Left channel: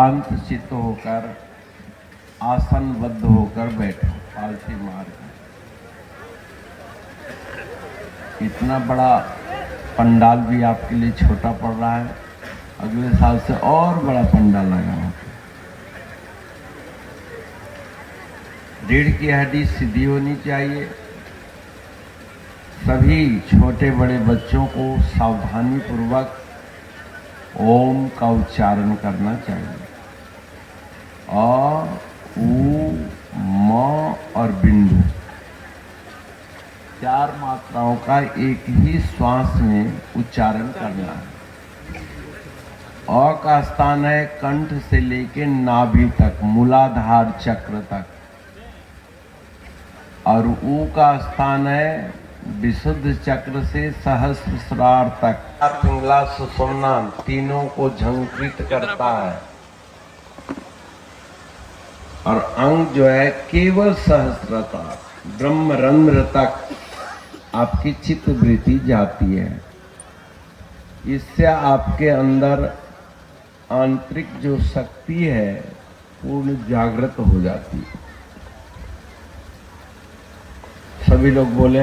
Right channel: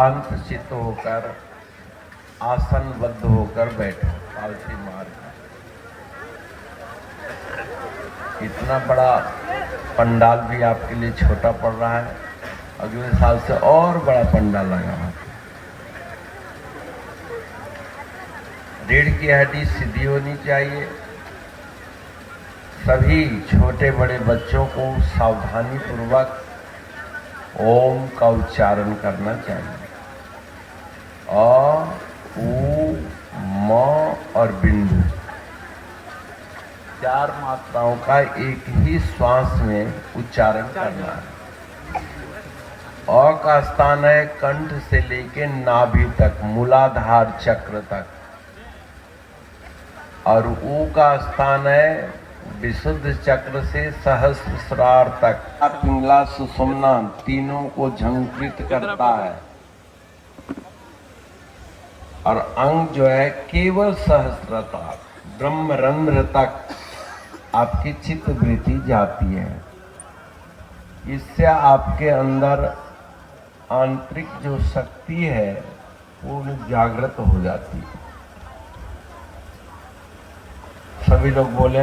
शांत चित्त होकर आसनबद्ध होकर बैठो, पालथी मारकर। इतना बड़ा पंडाल भी आपके लिए छोटा पड़ रहा है, अगले साल से और बड़ा पंडाल लगाना। रीढ़ की हड्डी सीधी होनी चाहिए। सभी छोटे बड़े बच्चों को सावधानी पूर्वक ओम का उच्चारण करना चाहिए। अ, उ, म और बिंदु 4 मात्राओं का एक ही श्वास में उच्चारण करना है। अ का स्थान है कंठ से लेकर नाभि तक, मूलाधार चक्र तक, और उ का स्थान है विशुद्ध चक्र से सहस्रार तक। पिंगला सुषुम्ना तीनों को झंकृत करता है, और अंग जो है केवल सहस्रता ब्रह्मरंध्र तक आपकी चित्त वृत्ति जाती है। इससे आपके अंदर आंतरिक जो शक्ति है पूर्ण जागृत हो जाती है। सभी लोग बोले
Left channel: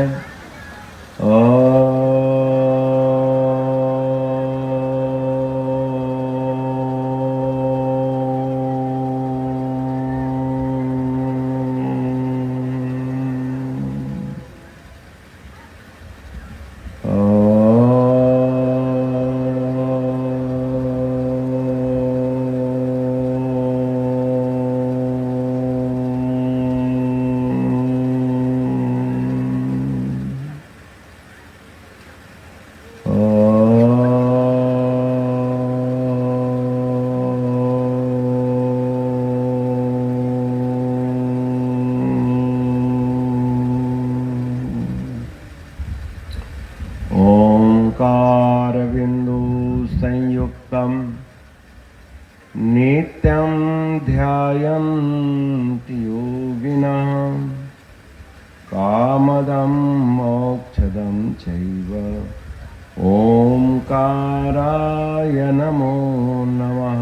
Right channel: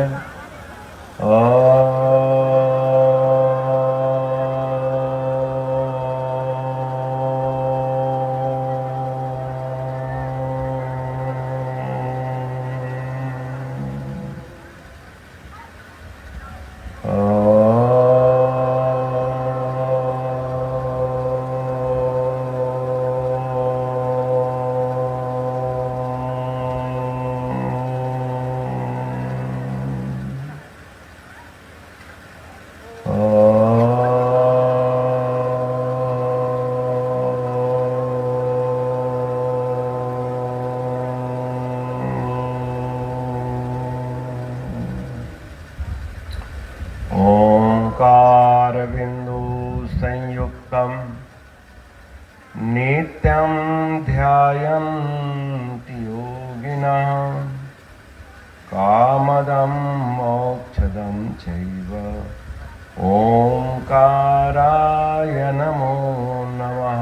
नित्यं ध्यायन्ति योगिनः कामदं मोक्षदं चैव। ओंकाराय नमो नमः।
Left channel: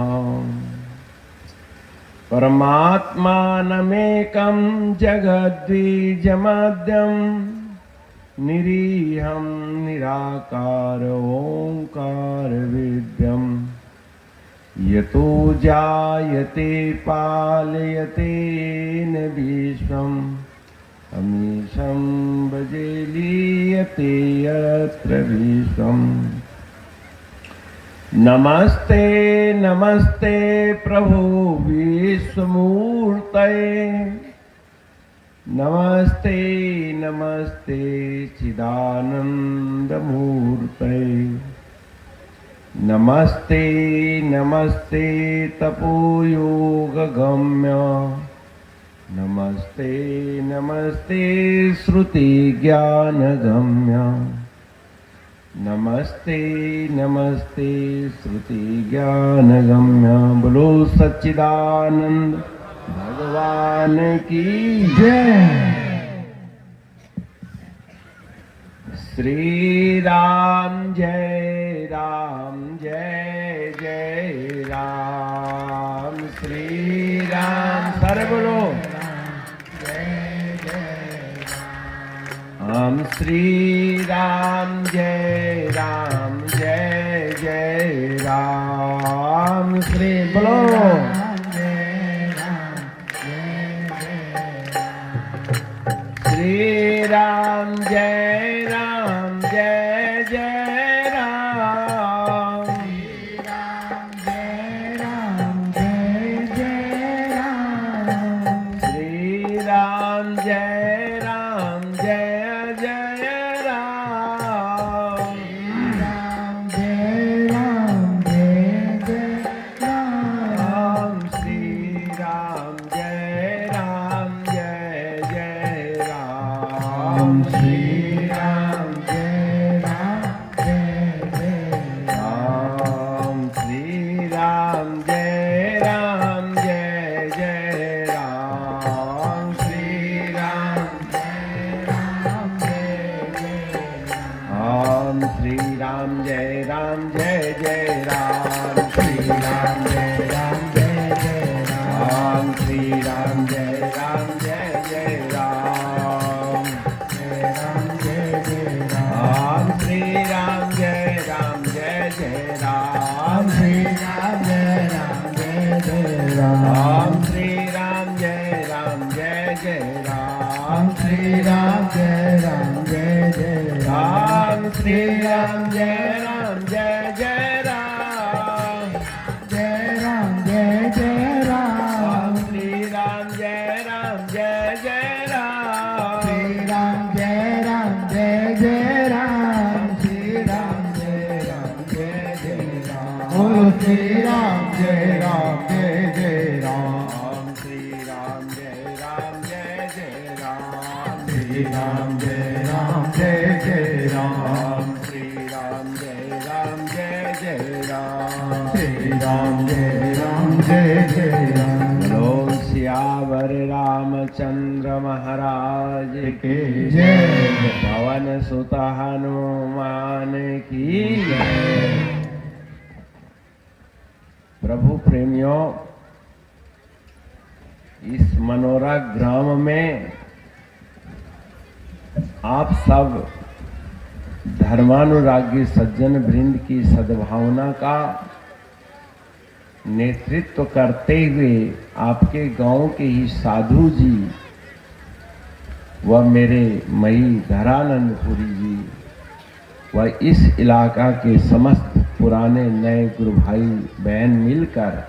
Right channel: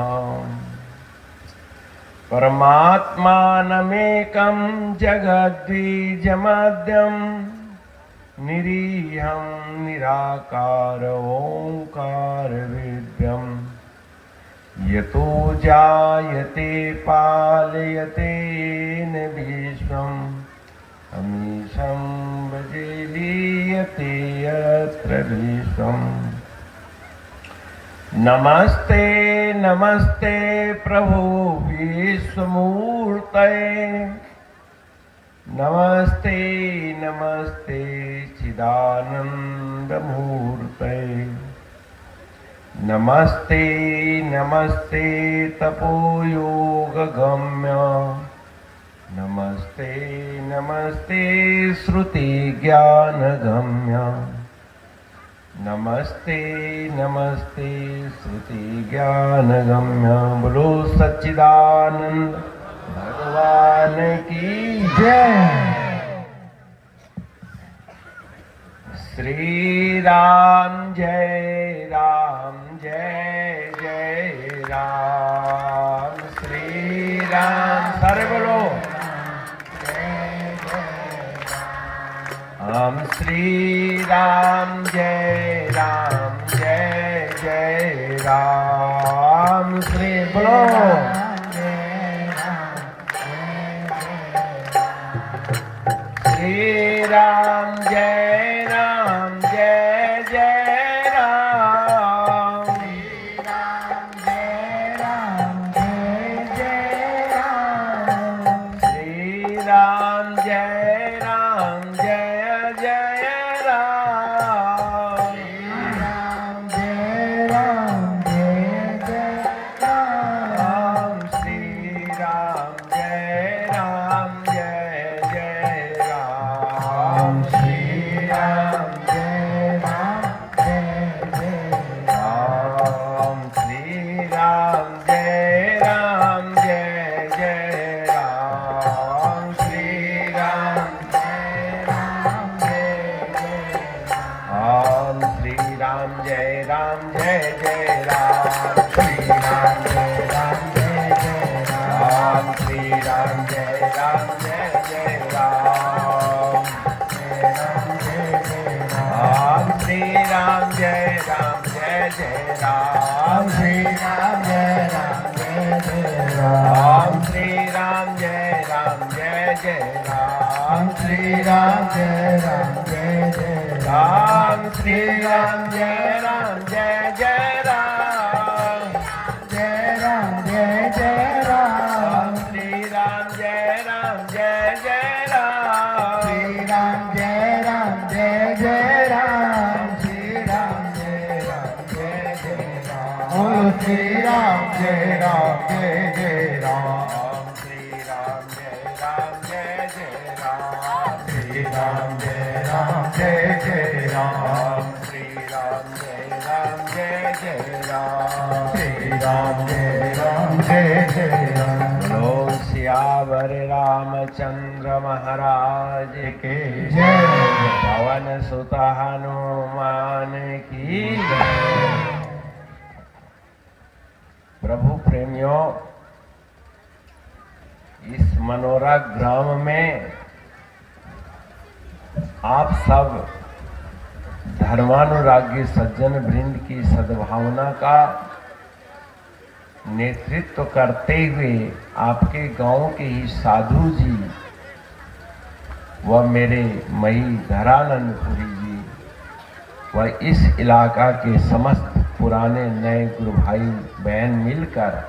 परमात्मानमेकं जगद्बीजमद्यं निरीहं निराकार ओंकार विद्यम्। यतो जायते पालयते न विश्वम् अमीशं बजिलीयते यत्र विश्वम्। नमस्ते नमस्ते प्रभु विश्वमूर्तये, नमस्ते नमस्ते चिदानन्दमूर्तये, नमस्ते नमस्ते तपोयोगगम्य, नमस्ते नमस्ते श्रुतिज्ञानगम्य, नमस्ते नमस्ते श्रुतिज्ञानगम्य। बोलो सच्चिदानंद भगवान की जय। श्री राम जय राम, जय जय राम। श्री राम सारे बोलो हम श्री राम जय राम, जय जय राम। श्री बोलो श्री राम जय राम, जय जय राम। श्री राम जय राम, जय जय राम। श्री राम जय राम, जय जय के जय। पवन सुत हनुमान की। प्रभु प्रेमियों, इस मनोरा ग्राम में आप सब धर्मानुरागी सज्जन वृंद की सद्भावना का नेतृत्व करते हुए आपके गांव के ही साधु जी व मेरे मई धरानंदपुरी जी व इस इलाका के समस्त पुराने नए गुरु भाई बहन मिलकर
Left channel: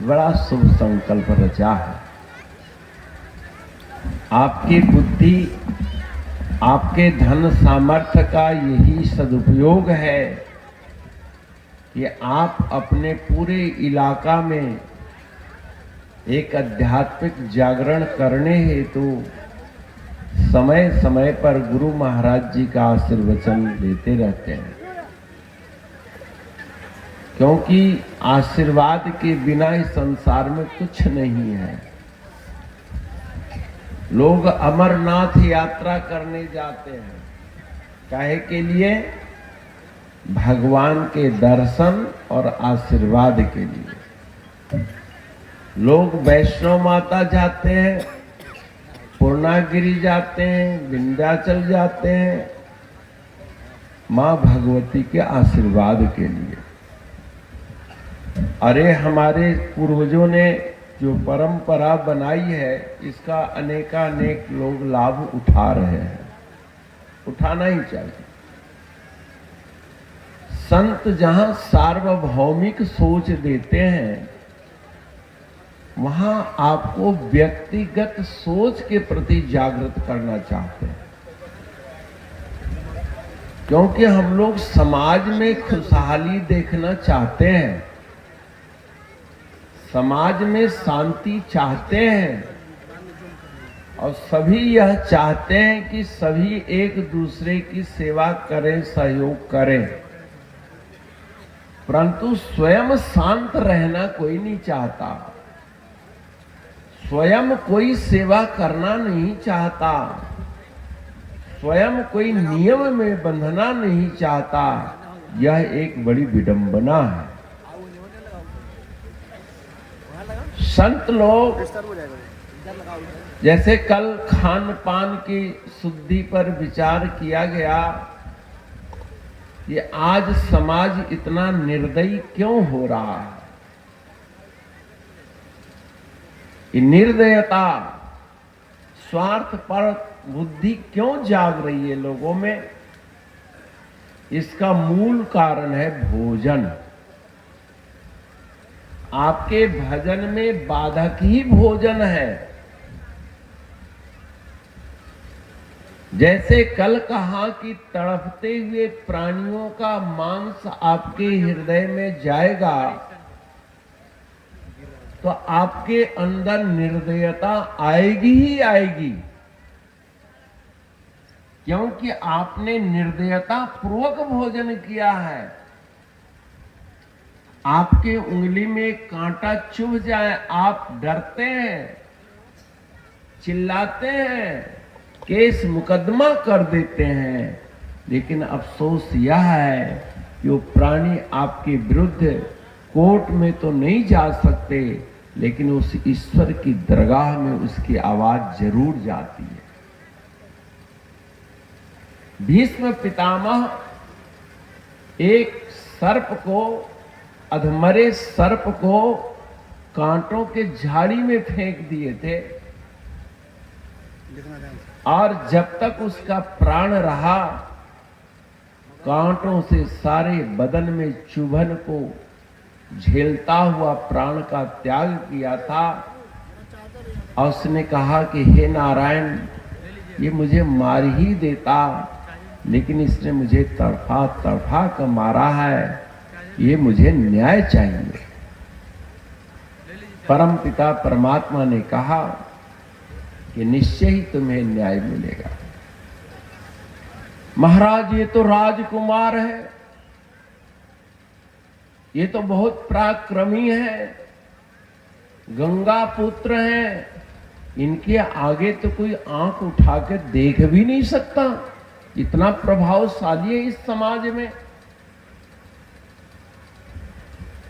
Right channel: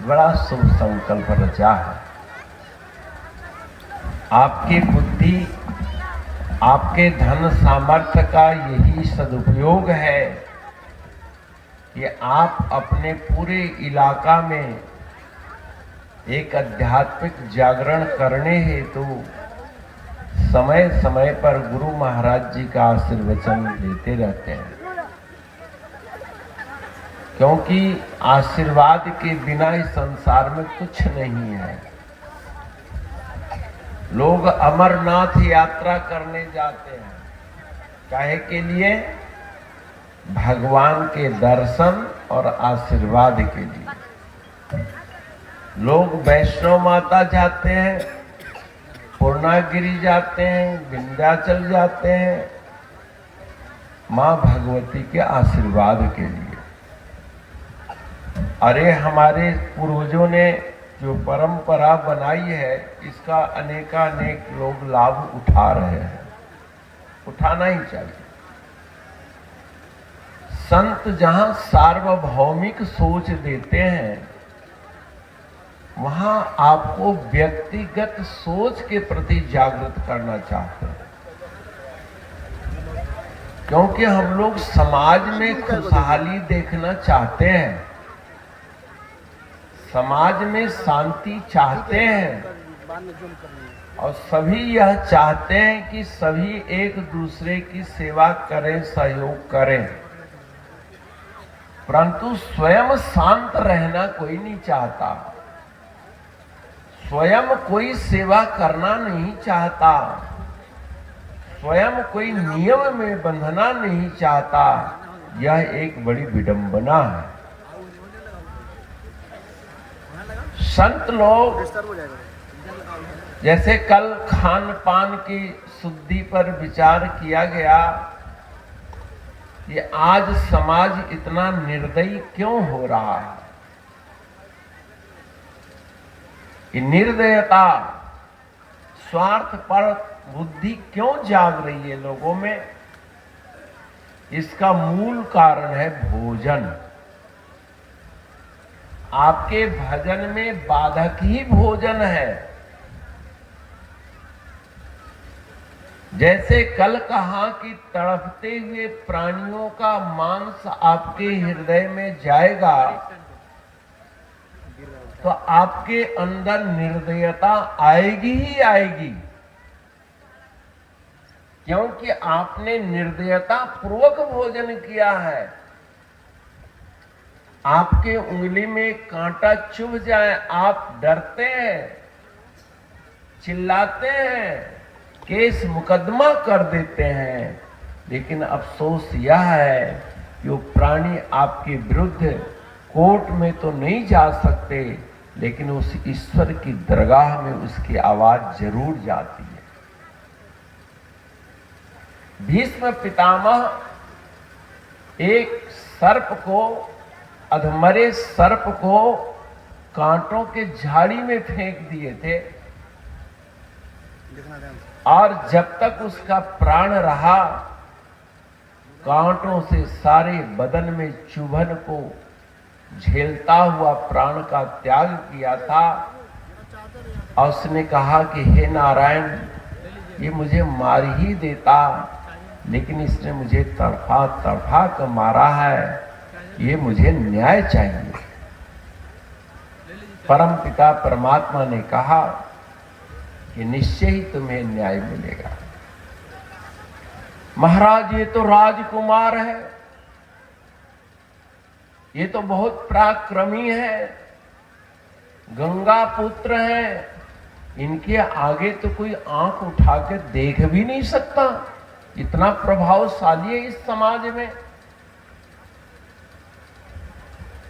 बड़ा शुभ संकल्प रचा है। आपकी बुद्धि, आपके धन सामर्थ्य का यही सदुपयोग है कि आप अपने पूरे इलाका में एक आध्यात्मिक जागरण करने हेतु समय समय पर गुरु महाराज जी का आशीर्वचन देते रहते हैं, क्योंकि आशीर्वाद के बिना इस संसार में कुछ नहीं है। लोग अमरनाथ यात्रा करने जाते हैं, काहे के लिए? भगवान के दर्शन और आशीर्वाद के लिए। लोग वैष्णो माता जाते हैं, पूर्णागिरी जाते हैं, विंध्याचल जाते हैं, मां भगवती के आशीर्वाद के लिए। अरे हमारे पूर्वजों ने जो परंपरा बनाई है, इसका अनेकानेक लोग लाभ उठा रहे हैं, उठाना ही चाहिए। संत जहां सार्वभौमिक सोच देते हैं, वहां आपको व्यक्तिगत सोच के प्रति जागृत करना चाहते हैं, क्योंकि हम लोग समाज में खुशहाली देखना चाहते हैं, समाज में शांति चाहते हैं और सभी यह चाहते हैं कि सभी एक दूसरे की सेवा करें, सहयोग करें, परंतु स्वयं शांत रहना कोई नहीं चाहता, स्वयं कोई सेवा करना नहीं चाहता, स्वयं कोई नियम में बंधना नहीं चाहता। यह एक बड़ी विडंबना है। संत लोग जैसे कल खान पान की शुद्धि पर विचार किया गया कि आज समाज इतना निर्दयी क्यों हो रहा है, ये निर्दयता, स्वार्थ पर बुद्धि क्यों जाग रही है लोगों में? इसका मूल कारण है भोजन। आपके भजन में बाधक ही भोजन है। जैसे कल कहा कि तड़पते हुए प्राणियों का मांस आपके हृदय में जाएगा तो आपके अंदर निर्दयता आएगी ही आएगी, क्योंकि आपने निर्दयता पूर्वक भोजन किया है। आपके उंगली में कांटा चुभ जाए, आप डरते हैं, चिल्लाते हैं, केस मुकदमा कर देते हैं, लेकिन अफसोस यह है कि वो प्राणी आपके विरुद्ध कोर्ट में तो नहीं जा सकते, लेकिन उस ईश्वर की दरगाह में उसकी आवाज जरूर जाती है। भीष्म पितामह एक सर्प को, अधमरे सर्प को कांटों के झाड़ी में फेंक दिए थे, और जब तक उसका प्राण रहा कांटों से सारे बदन में चुभन को झेलता हुआ प्राण का त्याग किया था। और उसने कहा कि हे नारायण, ये मुझे मार ही देता, लेकिन इसने मुझे तड़फा तड़फा कर मारा है, ये मुझे न्याय चाहिए। परम पिता परमात्मा ने कहा कि निश्चय ही तुम्हें न्याय मिलेगा। महाराज, ये तो राजकुमार है, ये तो बहुत पराक्रमी है, गंगा पुत्र है, इनके आगे तो कोई आंख उठा के देख भी नहीं सकता, इतना प्रभावशाली है इस समाज में।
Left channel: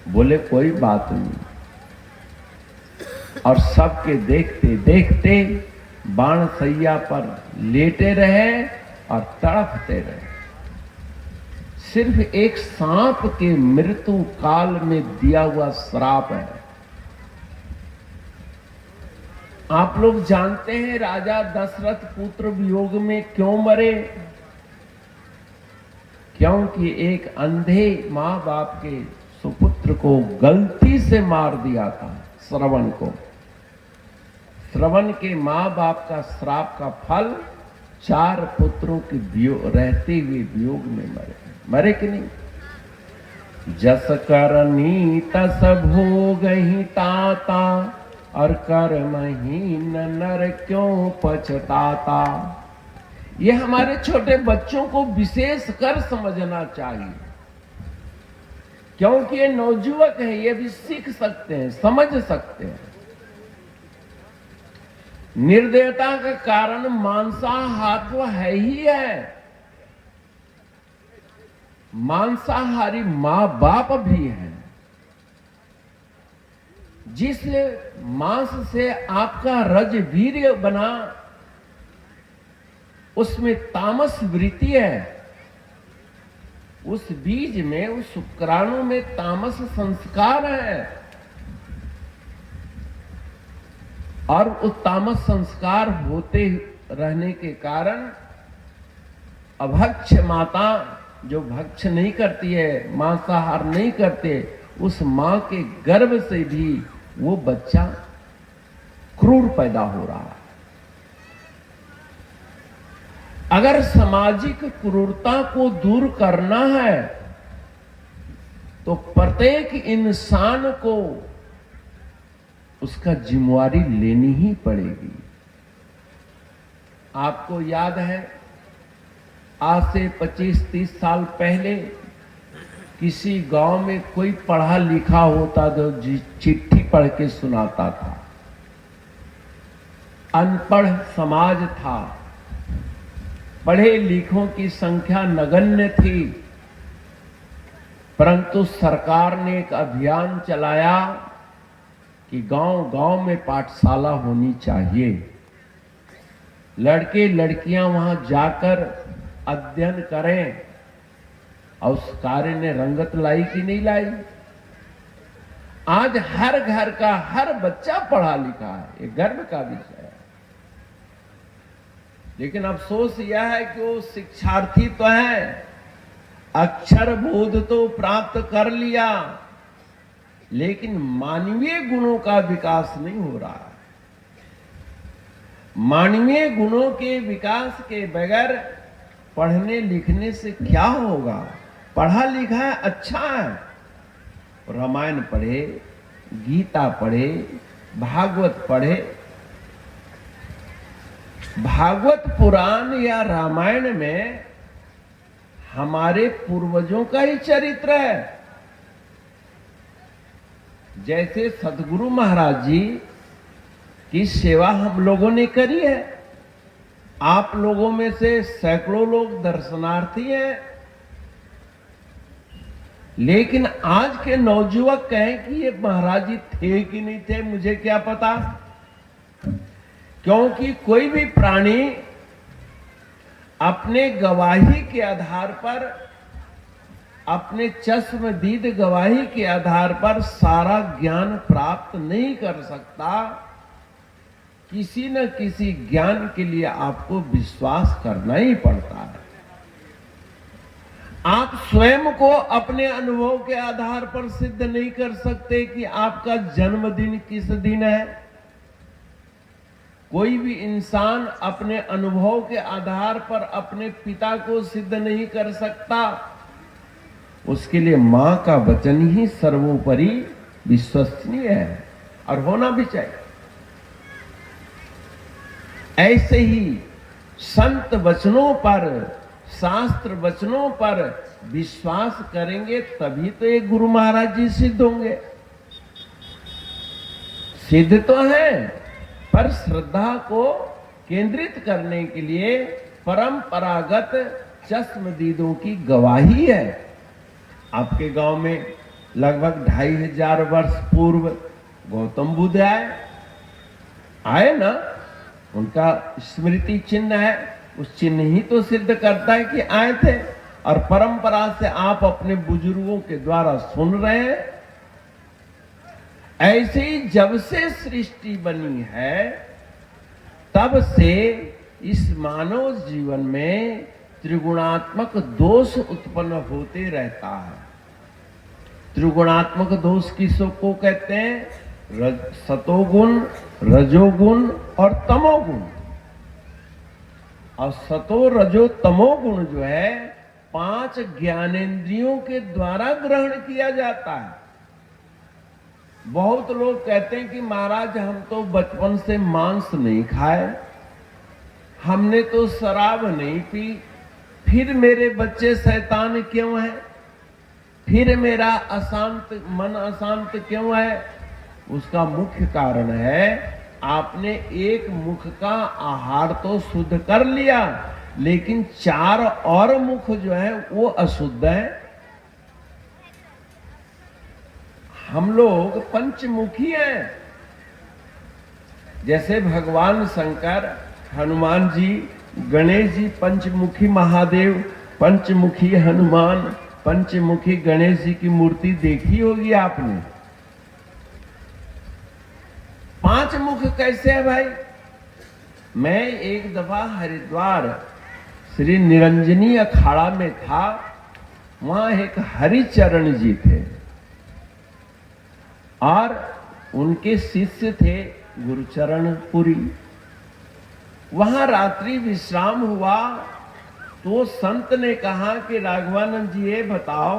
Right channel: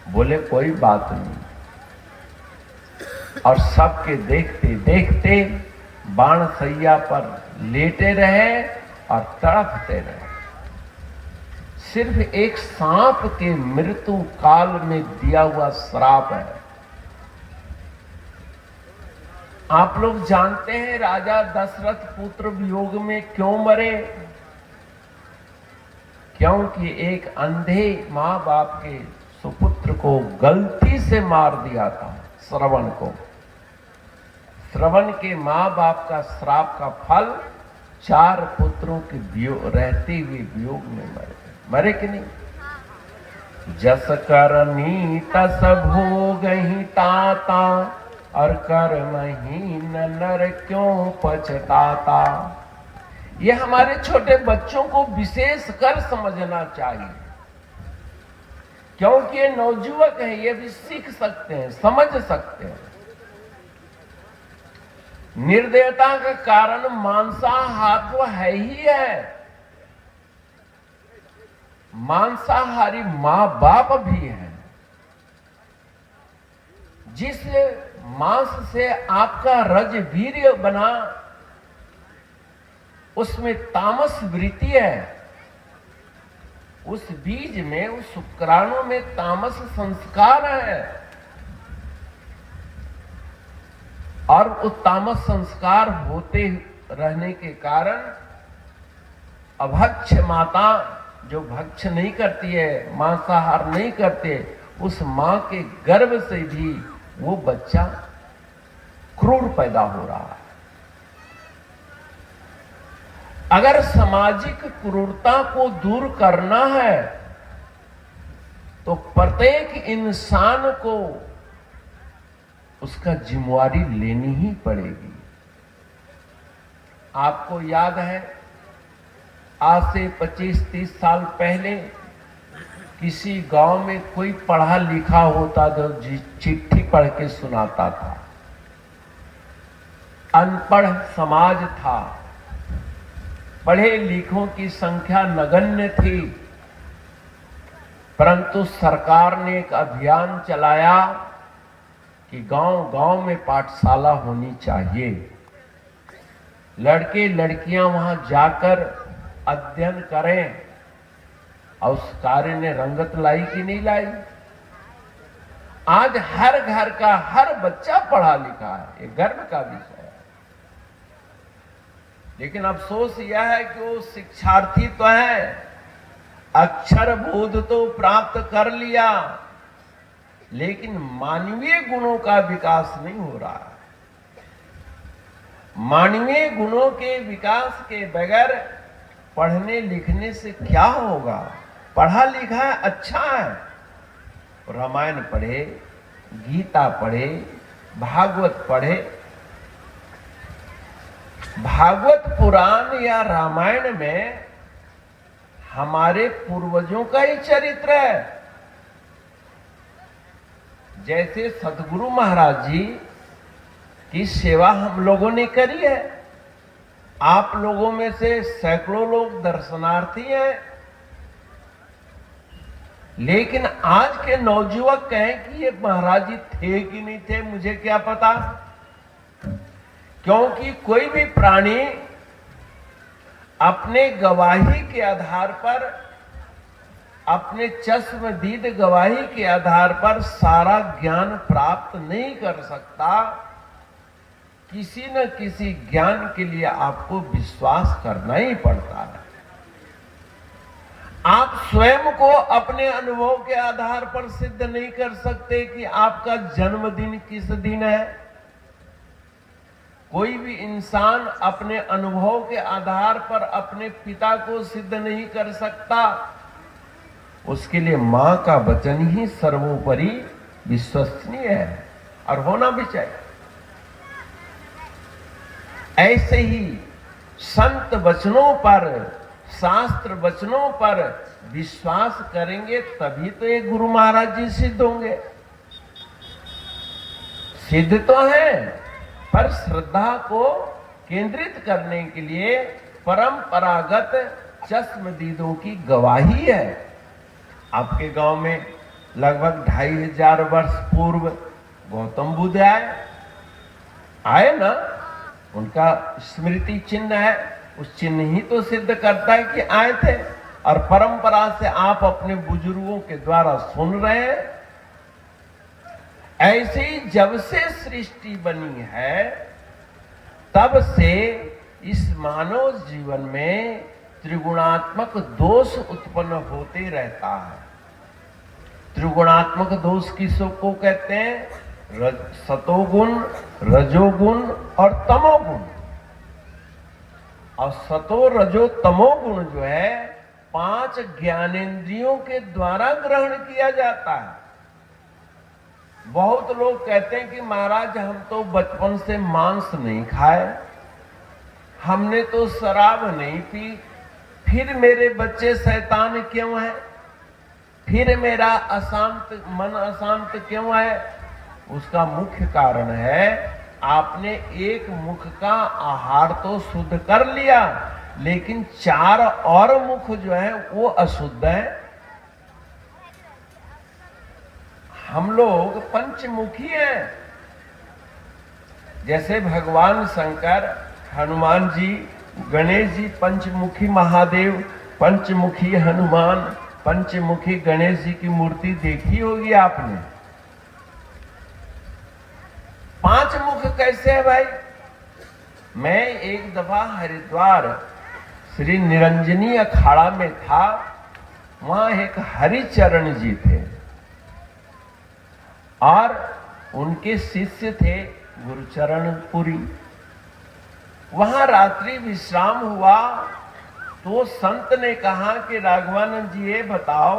बोले कोई बात नहीं, और सबके देखते देखते बाण सैया पर लेटे रहे और तड़पते रहे। सिर्फ एक सांप के मृत्यु काल में दिया हुआ श्राप है। आप लोग जानते हैं राजा दशरथ पुत्र वियोग में क्यों मरे? क्योंकि एक अंधे मां बाप के सुपुत्र को गलती से मार दिया था, श्रवण को। श्रवण के मां बाप का श्राप का फल 4 पुत्रों के रहते हुए वियोग में मरे कि नहीं? जस करनी तस भोगहि ताता, और कर्महीन नर क्यों पछताता। ये हमारे छोटे बच्चों को विशेष कर समझना चाहिए, क्योंकि ये नवजुवक है, ये भी सीख सकते हैं, समझ सकते हैं। निर्दयता का कारण मांसाहार तो है ही है। मांसाहारी मां बाप भी है। जिस मांस से आपका रज वीर्य बना, उसमें तामस वृत्ति है। उस बीज में, उस शुक्राणु में तामस संस्कार है, और उस तामस संस्कार होते रहने के कारण अभक्ष माता जो भक्ष नहीं करती है, मांसाहार नहीं करते, उस मां के गर्भ से भी वो बच्चा क्रूर पैदा हो रहा है। अगर सामाजिक क्रूरता को दूर करना है तो प्रत्येक इंसान को उसका जिम्मेवारी लेनी ही पड़ेगी। आपको याद है, आज से 25-30 साल पहले किसी गांव में कोई पढ़ा लिखा होता जो चिट्ठी पढ़ के सुनाता था। अनपढ़ समाज था, पढ़े लिखों की संख्या नगण्य थी, परंतु सरकार ने एक अभियान चलाया कि गांव-गांव में पाठशाला होनी चाहिए। लड़के लड़कियां वहां जाकर अध्ययन करें, और उस कार्य ने रंगत लाई कि नहीं लाई? आज हर घर का हर बच्चा पढ़ा लिखा है, ये गर्व का विषय है। लेकिन अफसोस यह है कि वो शिक्षार्थी तो है, अक्षर बोध तो प्राप्त कर लिया, लेकिन मानवीय गुणों का विकास नहीं हो रहा। मानवीय गुणों के विकास के बगैर पढ़ने लिखने से क्या होगा? पढ़ा लिखा है, अच्छा है, रामायण पढ़े, गीता पढ़े, भागवत पढ़े। भागवत पुराण या रामायण में हमारे पूर्वजों का ही चरित्र है। जैसे सदगुरु महाराज जी की सेवा हम लोगों ने करी है। आप लोगों में से सैकड़ों लोग दर्शनार्थी हैं, लेकिन आज के नौजुवक कहें कि ये महाराज जी थे कि नहीं थे, मुझे क्या पता। क्योंकि कोई भी प्राणी अपने गवाही के आधार पर, अपने चश्मदीद गवाही के आधार पर सारा ज्ञान प्राप्त नहीं कर सकता। किसी न किसी ज्ञान के लिए आपको विश्वास करना ही पड़ता है। आप स्वयं को अपने अनुभव के आधार पर सिद्ध नहीं कर सकते कि आपका जन्मदिन किस दिन है। कोई भी इंसान अपने अनुभव के आधार पर अपने पिता को सिद्ध नहीं कर सकता। उसके लिए मां का वचन ही सर्वोपरि विश्वसनीय है और होना भी चाहिए। ऐसे ही संत वचनों पर, शास्त्र वचनों पर विश्वास करेंगे तभी तो ये गुरु महाराज जी सिद्ध होंगे। सिद्ध तो है, पर श्रद्धा को केंद्रित करने के लिए परंपरागत चश्मदीदों की गवाही है। आपके गांव में लगभग 2500 वर्ष पूर्व गौतम बुद्ध आए ना, उनका स्मृति चिन्ह है, उस चिन्ह ही तो सिद्ध करता है कि आए थे। और परंपरा से आप अपने बुजुर्गों के द्वारा सुन रहे हैं। ऐसे ही जब से सृष्टि बनी है तब से इस मानव जीवन में त्रिगुणात्मक दोष उत्पन्न होते रहता है। त्रिगुणात्मक दोष किसको कहते हैं? सतोगुण, रजोगुण और तमोगुण। और सतो रजो तमोगुण जो है 5 ज्ञानेंद्रियों के द्वारा ग्रहण किया जाता है। बहुत लोग कहते हैं कि महाराज हम तो बचपन से मांस नहीं खाए, हमने तो शराब नहीं पी, फिर मेरे बच्चे शैतान क्यों है, फिर मेरा मन अशांत क्यों है? उसका मुख्य कारण है आपने एक मुख का आहार तो शुद्ध कर लिया, लेकिन 4 और मुख जो है वो अशुद्ध है। हम लोग पंचमुखी हैं। जैसे भगवान शंकर, हनुमान जी, गणेश जी पंचमुखी महादेव, पंचमुखी हनुमान, पंचमुखी गणेश जी की मूर्ति देखी होगी आपने। 5 मुख कैसे है भाई? मैं एक दफा हरिद्वार श्री निरंजनी अखाड़ा में था। वहां एक हरिचरण जी थे और उनके शिष्य थे गुरुचरण पुरी। वहां रात्रि विश्राम हुआ तो संत ने कहा कि राघवानंद जी ये बताओ,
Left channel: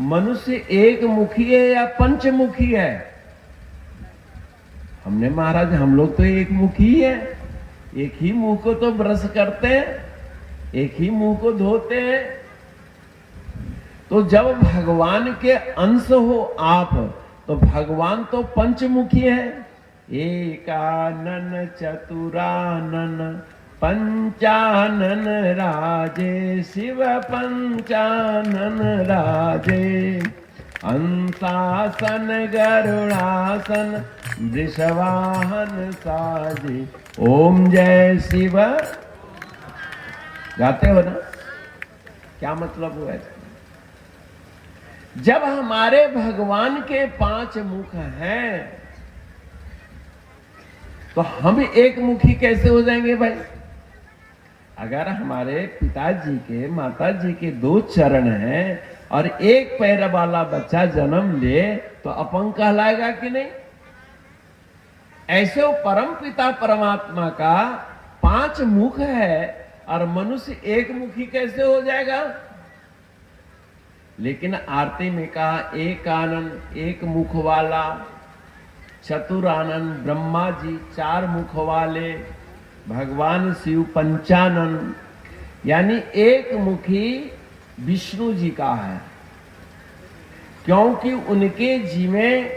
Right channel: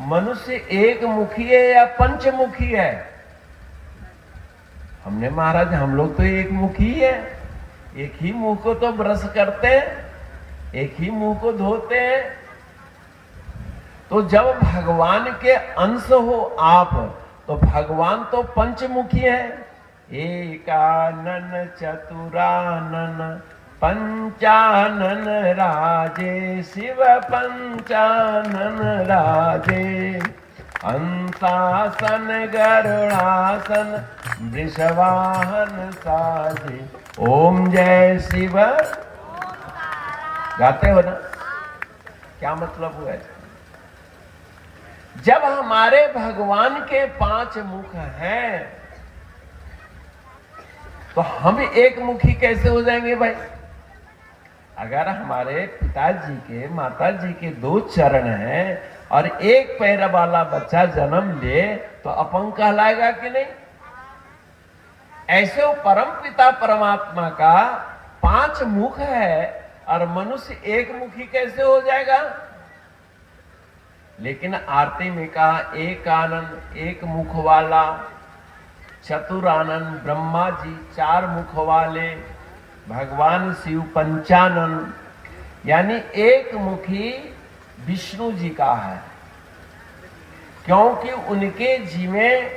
मनुष्य एक मुखी है या पंचमुखी है? हमने महाराज हम लोग तो एक मुखी है, एक ही मुंह को तो ब्रश करते हैं, एक ही मुंह को धोते हैं। तो जब भगवान के अंश हो आप, तो भगवान तो पंचमुखी है। एकानन चतुरानन पंचानन राजे, शिव पंचानन राजे, अंशासन गरुड़ासन वृषवाहन साजे, ओम जय शिव। गाते हो ना? क्या मतलब हुआ? जब हमारे भगवान के 5 मुख हैं तो हम एक मुखी कैसे हो जाएंगे भाई? अगर हमारे पिताजी के, माताजी के 2 चरण हैं और एक पैर वाला बच्चा जन्म ले तो अपंग कहलाएगा कि नहीं? ऐसे वो परम पिता परमात्मा का 5 मुख है और मनुष्य एक मुखी कैसे हो जाएगा? लेकिन आरती में कहा एक आनंद, एक मुख वाला, चतुरानंद ब्रह्मा जी 4 मुख वाले, भगवान शिव पंचानन, यानी एक मुखी विष्णु जी का है। क्योंकि उनके जी में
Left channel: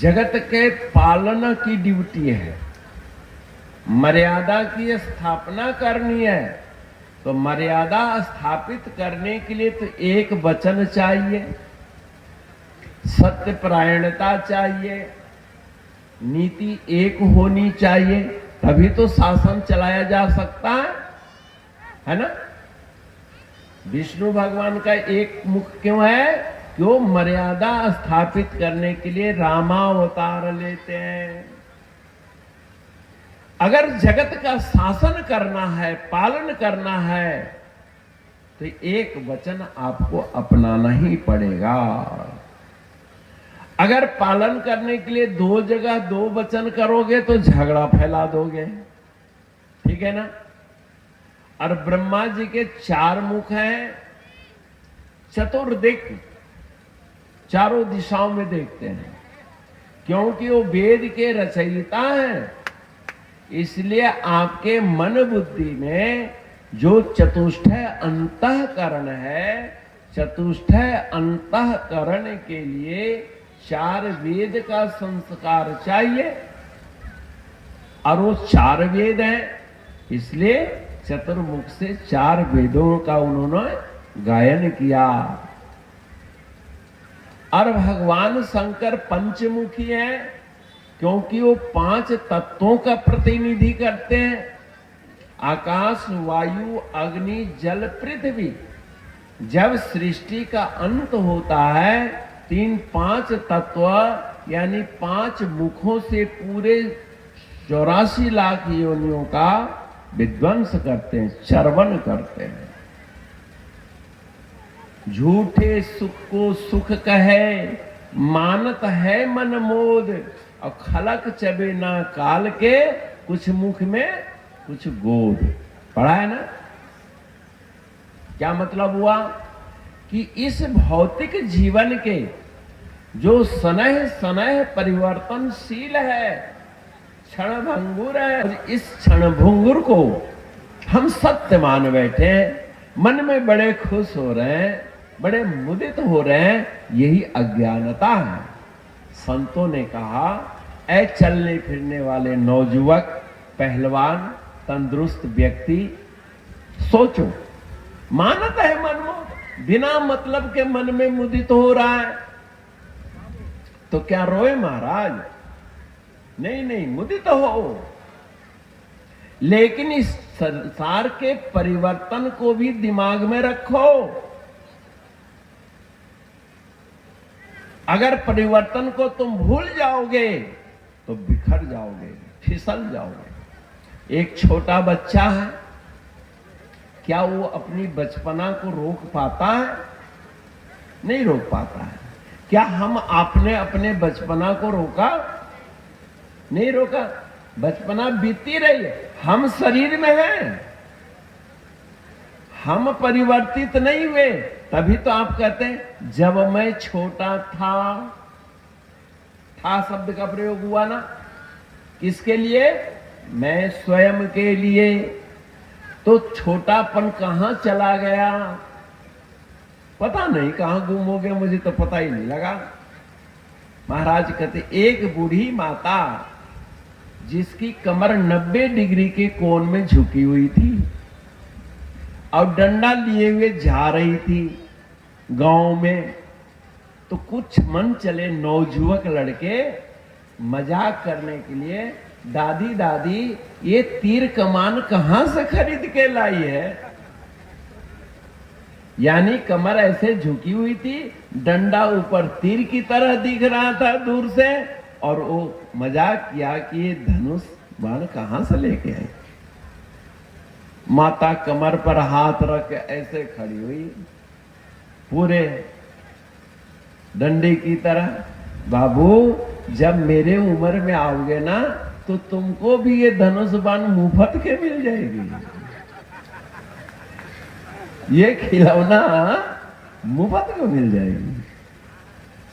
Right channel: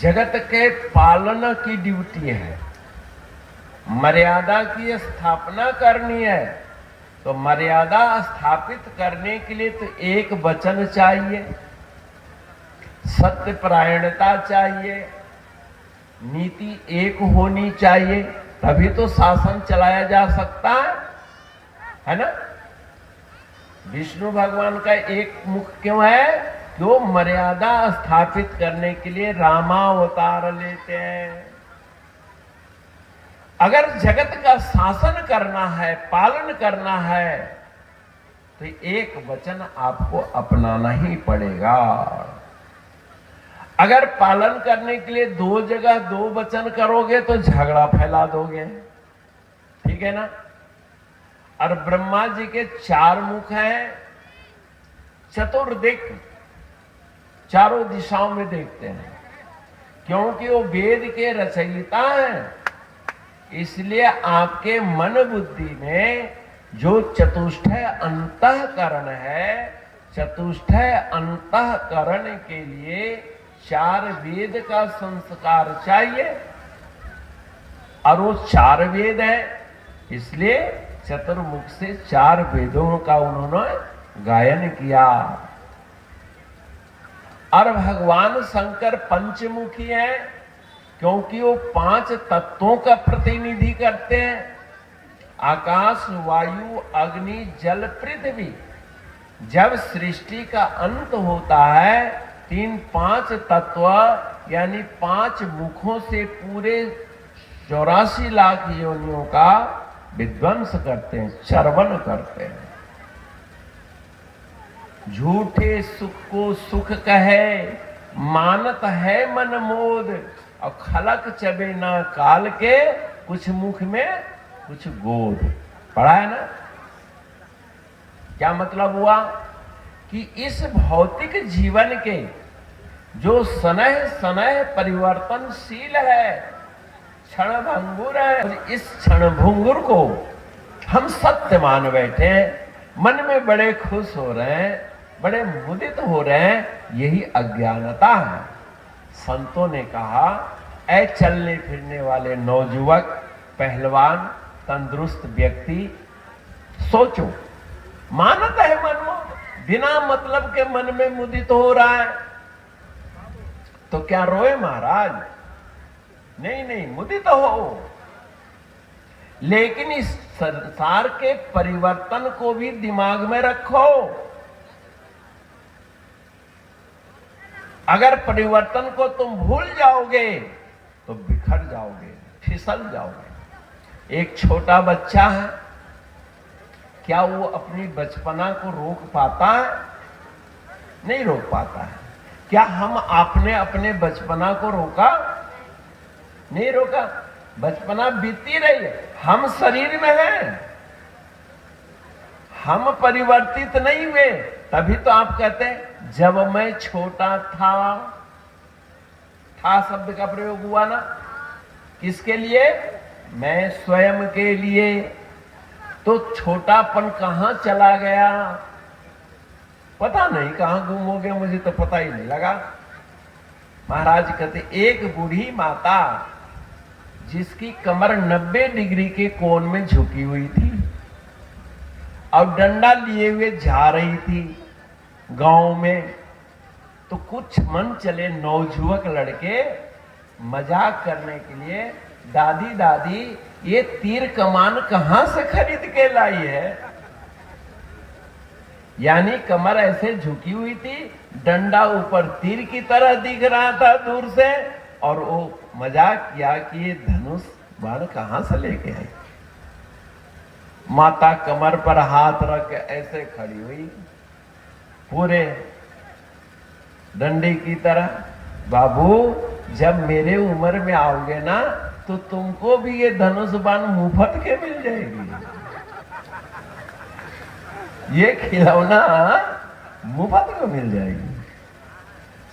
जगत के पालन की ड्यूटी है, मर्यादा की स्थापना करनी है। तो मर्यादा स्थापित करने के लिए तो एक वचन चाहिए, सत्य परायणता चाहिए, नीति एक होनी चाहिए, तभी तो शासन चलाया जा सकता है ना? विष्णु भगवान का एक मुख क्यों है? कि वो मर्यादा स्थापित करने के लिए रामावतार लेते हैं। अगर जगत का शासन करना है, पालन करना है, तो एक वचन आपको अपनाना ही पड़ेगा। अगर पालन करने के लिए 2 जगह 2 वचन करोगे तो झगड़ा फैला दोगे, ठीक है ना? और ब्रह्मा जी के 4 मुख हैं, चतुर्दिक, चारों दिशाओं में देखते हैं, क्योंकि वो वेद के रचयिता हैं। इसलिए आपके मन बुद्धि में जो चतुष्टय अंतःकरण है, चतुष्टय अंतःकरण के लिए 4 वेद का संस्कार चाहिए। और वो 4 वेद है, इसलिए चतुर्मुख से 4 वेदों का उन्होंने गायन किया। और भगवान शंकर पंचमुखी है क्योंकि वो 5 तत्वों का प्रतिनिधि करते हैं। आकाश, वायु, अग्नि, जल, पृथ्वी। जब सृष्टि का अंत होता है 5 तत्व यानी 5 मुखों से पूरे 84 लाख योनियों का विध्वंस करते हैं, श्रवण करते हैं। झूठे सुख को सुख कहे, मानत है मन मोद, और खलक चबे ना काल के, कुछ मुख में कुछ गोद। पढ़ा है ना? क्या मतलब हुआ कि इस भौतिक जीवन के जो सनह सनह परिवर्तनशील है, क्षण भंगुर है, इस क्षण भंगुर को हम सत्य मान बैठे, मन में बड़े खुश हो रहे हैं, बड़े मुदित हो रहे हैं, यही अज्ञानता है। संतों ने कहा, ऐ चलने फिरने वाले नौजुवक, पहलवान, तंदुरुस्त व्यक्ति, सोचो, मानत है मनो, बिना मतलब के मन में मुदित हो रहा है, तो क्या रोए महाराज? नहीं, मुदित हो। लेकिन इस संसार के परिवर्तन को भी दिमाग में रखो। अगर परिवर्तन को तुम भूल जाओगे तो बिखर जाओगे, फिसल जाओगे। एक छोटा बच्चा है, क्या वो अपनी बचपना को रोक पाता है? नहीं रोक पाता है। क्या हम आपने अपने बचपना को रोका? नहीं रोका। बचपना बीती रही, हम शरीर में हैं, हम परिवर्तित नहीं हुए। तभी तो आप कहते हैं जब मैं छोटा था शब्द का प्रयोग हुआ ना, किसके लिए? मैं स्वयं के लिए। तो छोटापन कहां चला गया? पता नहीं कहां गुम हो गया, मुझे तो पता ही नहीं लगा। महाराज कहते, एक बूढ़ी माता जिसकी कमर 90 डिग्री के कोण में झुकी हुई थी और डंडा लिए हुए जा रही थी गांव में, तो कुछ मन चले नौजुवक लड़के मजाक करने के लिए, दादी दादी ये तीर कमान कहां से खरीद के लाई है? यानी कमर ऐसे झुकी हुई थी, डंडा ऊपर तीर की तरह दिख रहा था दूर से, और वो मजाक किया कि ये धनुष बाण कहां से लेके है। माता कमर पर हाथ रख ऐसे खड़ी हुई, पूरे डंडी की तरह। बाबू, जब मेरे उम्र में आओगे ना तो तुमको भी ये धनुष बाण मुफ्त के मिल जाएगी। ये खिलौना मुफ्त को मिल जाएगी।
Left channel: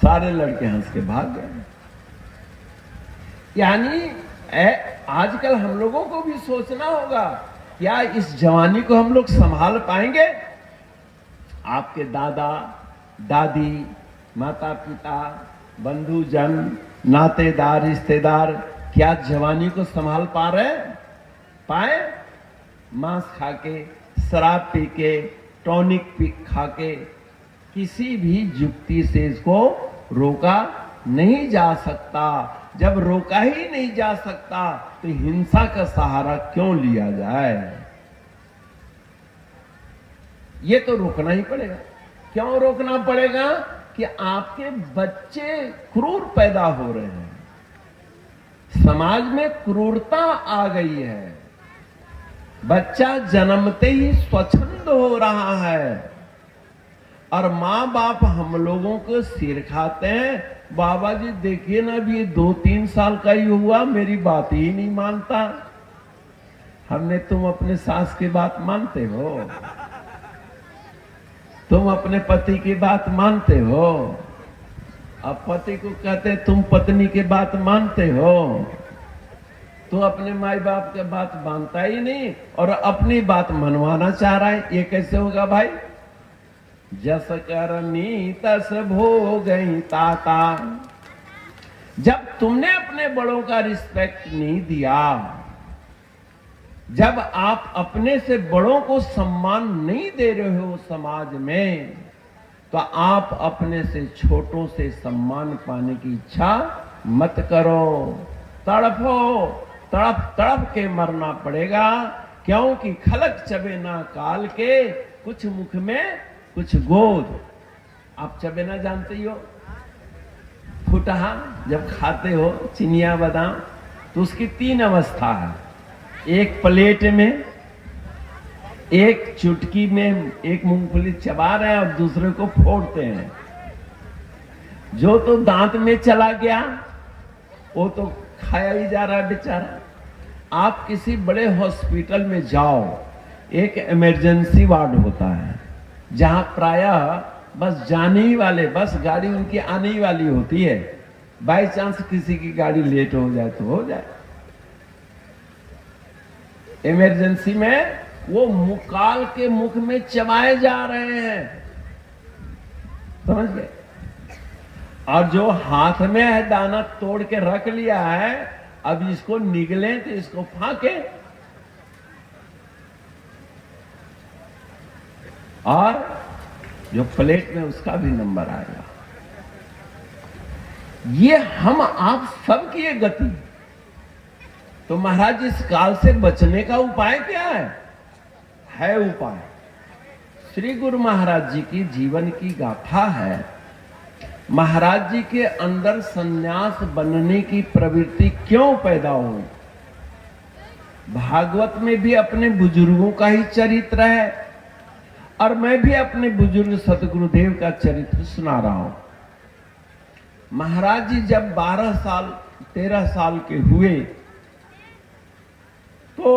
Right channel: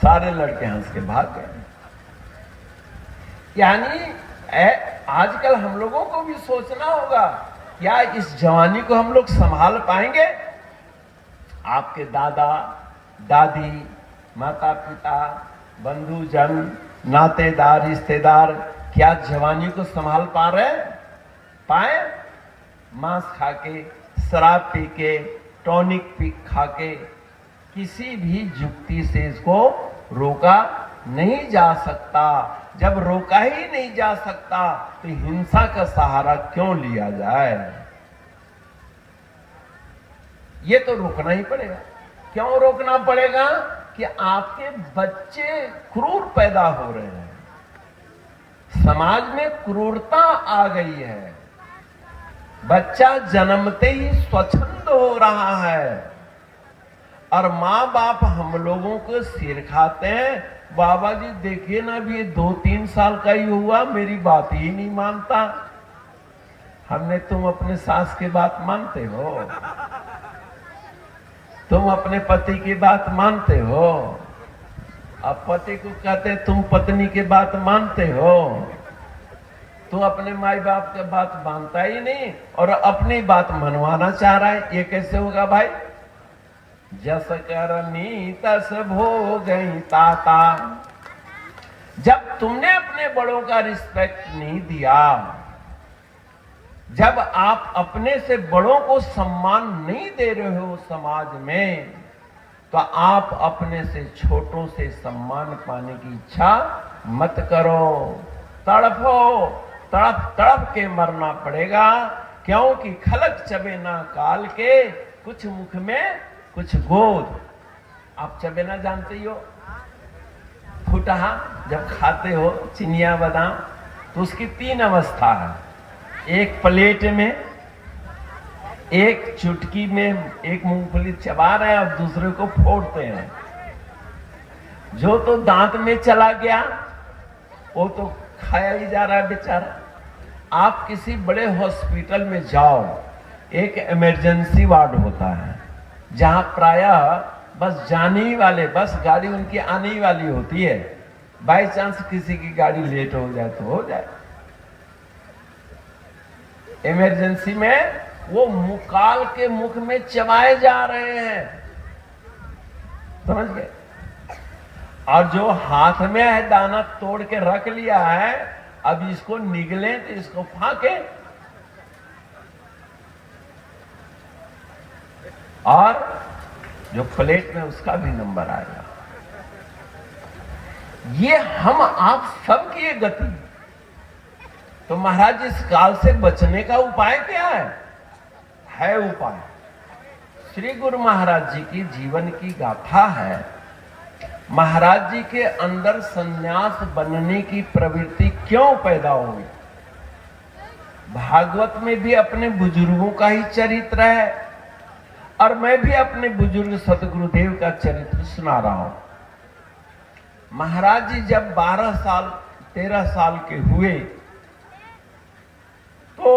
सारे लड़के हंस के भाग गए। यानी आजकल हम लोगों को भी सोचना होगा, क्या इस जवानी को हम लोग संभाल पाएंगे? आपके दादा दादी, माता पिता, बंधुजन, नातेदार, रिश्तेदार क्या जवानी को संभाल पा रहे? पाए? मांस खा के, शराब पी के, टॉनिक पी खा के, किसी भी युक्ति से इसको रोका नहीं जा सकता। जब रोका ही नहीं जा सकता तो हिंसा का सहारा क्यों लिया जाए? ये तो रोकना ही पड़ेगा। क्यों रोकना पड़ेगा? कि आपके बच्चे क्रूर पैदा हो रहे हैं, समाज में क्रूरता आ गई है, बच्चा जन्मते ही स्वच्छंद हो रहा है, और माँ बाप हम लोगों को सिर खाते हैं, बाबा जी देखिए ना, अभी 2-3 साल का ही हुआ, मेरी बात ही नहीं मानता। हमने, तुम अपने सास की बात मानते हो? तुम अपने पति की बात मानते हो? अब पति को कहते तुम पत्नी की बात मानते हो? तू अपने माई बाप की बात मानता ही नहीं और अपनी बात मनवाना चाह रहा है। ये कैसे होगा भाई? जस करनी तस भोगई ताता। जब तुमने अपने बड़ों का रिस्पेक्ट नहीं दिया, जब आप अपने से बड़ों को सम्मान नहीं दे रहे हो समाज में, तो आप अपने से छोटों से सम्मान पाने की इच्छा मत करो। तड़फो, तड़प तड़प के मरना पड़ेगा, क्योंकि खलक चबेना काल के, कुछ मुख में कुछ गोद। आप चबेना जानते ही हो, फुटहा जब खाते हो चिनिया बादाम, तो उसकी 3 अवस्था है। एक प्लेट में, एक चुटकी में एक मूंगफली चबा रहा है और दूसरे को फोड़ते हैं। जो तो दांत में चला गया वो तो खाया ही जा रहा है बेचारा। आप किसी बड़े हॉस्पिटल में जाओ, एक इमरजेंसी वार्ड होता है जहां प्रायः बस जाने ही वाले, बस गाड़ी उनकी आने ही वाली होती है। बाई चांस किसी की गाड़ी लेट हो जाए तो हो जाए। इमरजेंसी में वो मुकाल के मुख में चबाए जा रहे हैं, समझ गए। और जो हाथ में है दाना तोड़ के रख लिया है, अब इसको निगले तो इसको फाके, और जो प्लेट में उसका भी नंबर आ गया। ये हम आप सब की गति। तो महाराज इस काल से बचने का उपाय क्या है उपाय। श्री गुरु महाराज जी की जीवन की गाथा है। महाराज जी के अंदर सन्यास बनने की प्रवृत्ति क्यों पैदा हुई। भागवत में भी अपने बुजुर्गों का ही चरित्र है, और मैं भी अपने बुजुर्ग सतगुरुदेव का चरित्र सुना रहा हूं। महाराज जी जब 12 साल 13 साल के हुए तो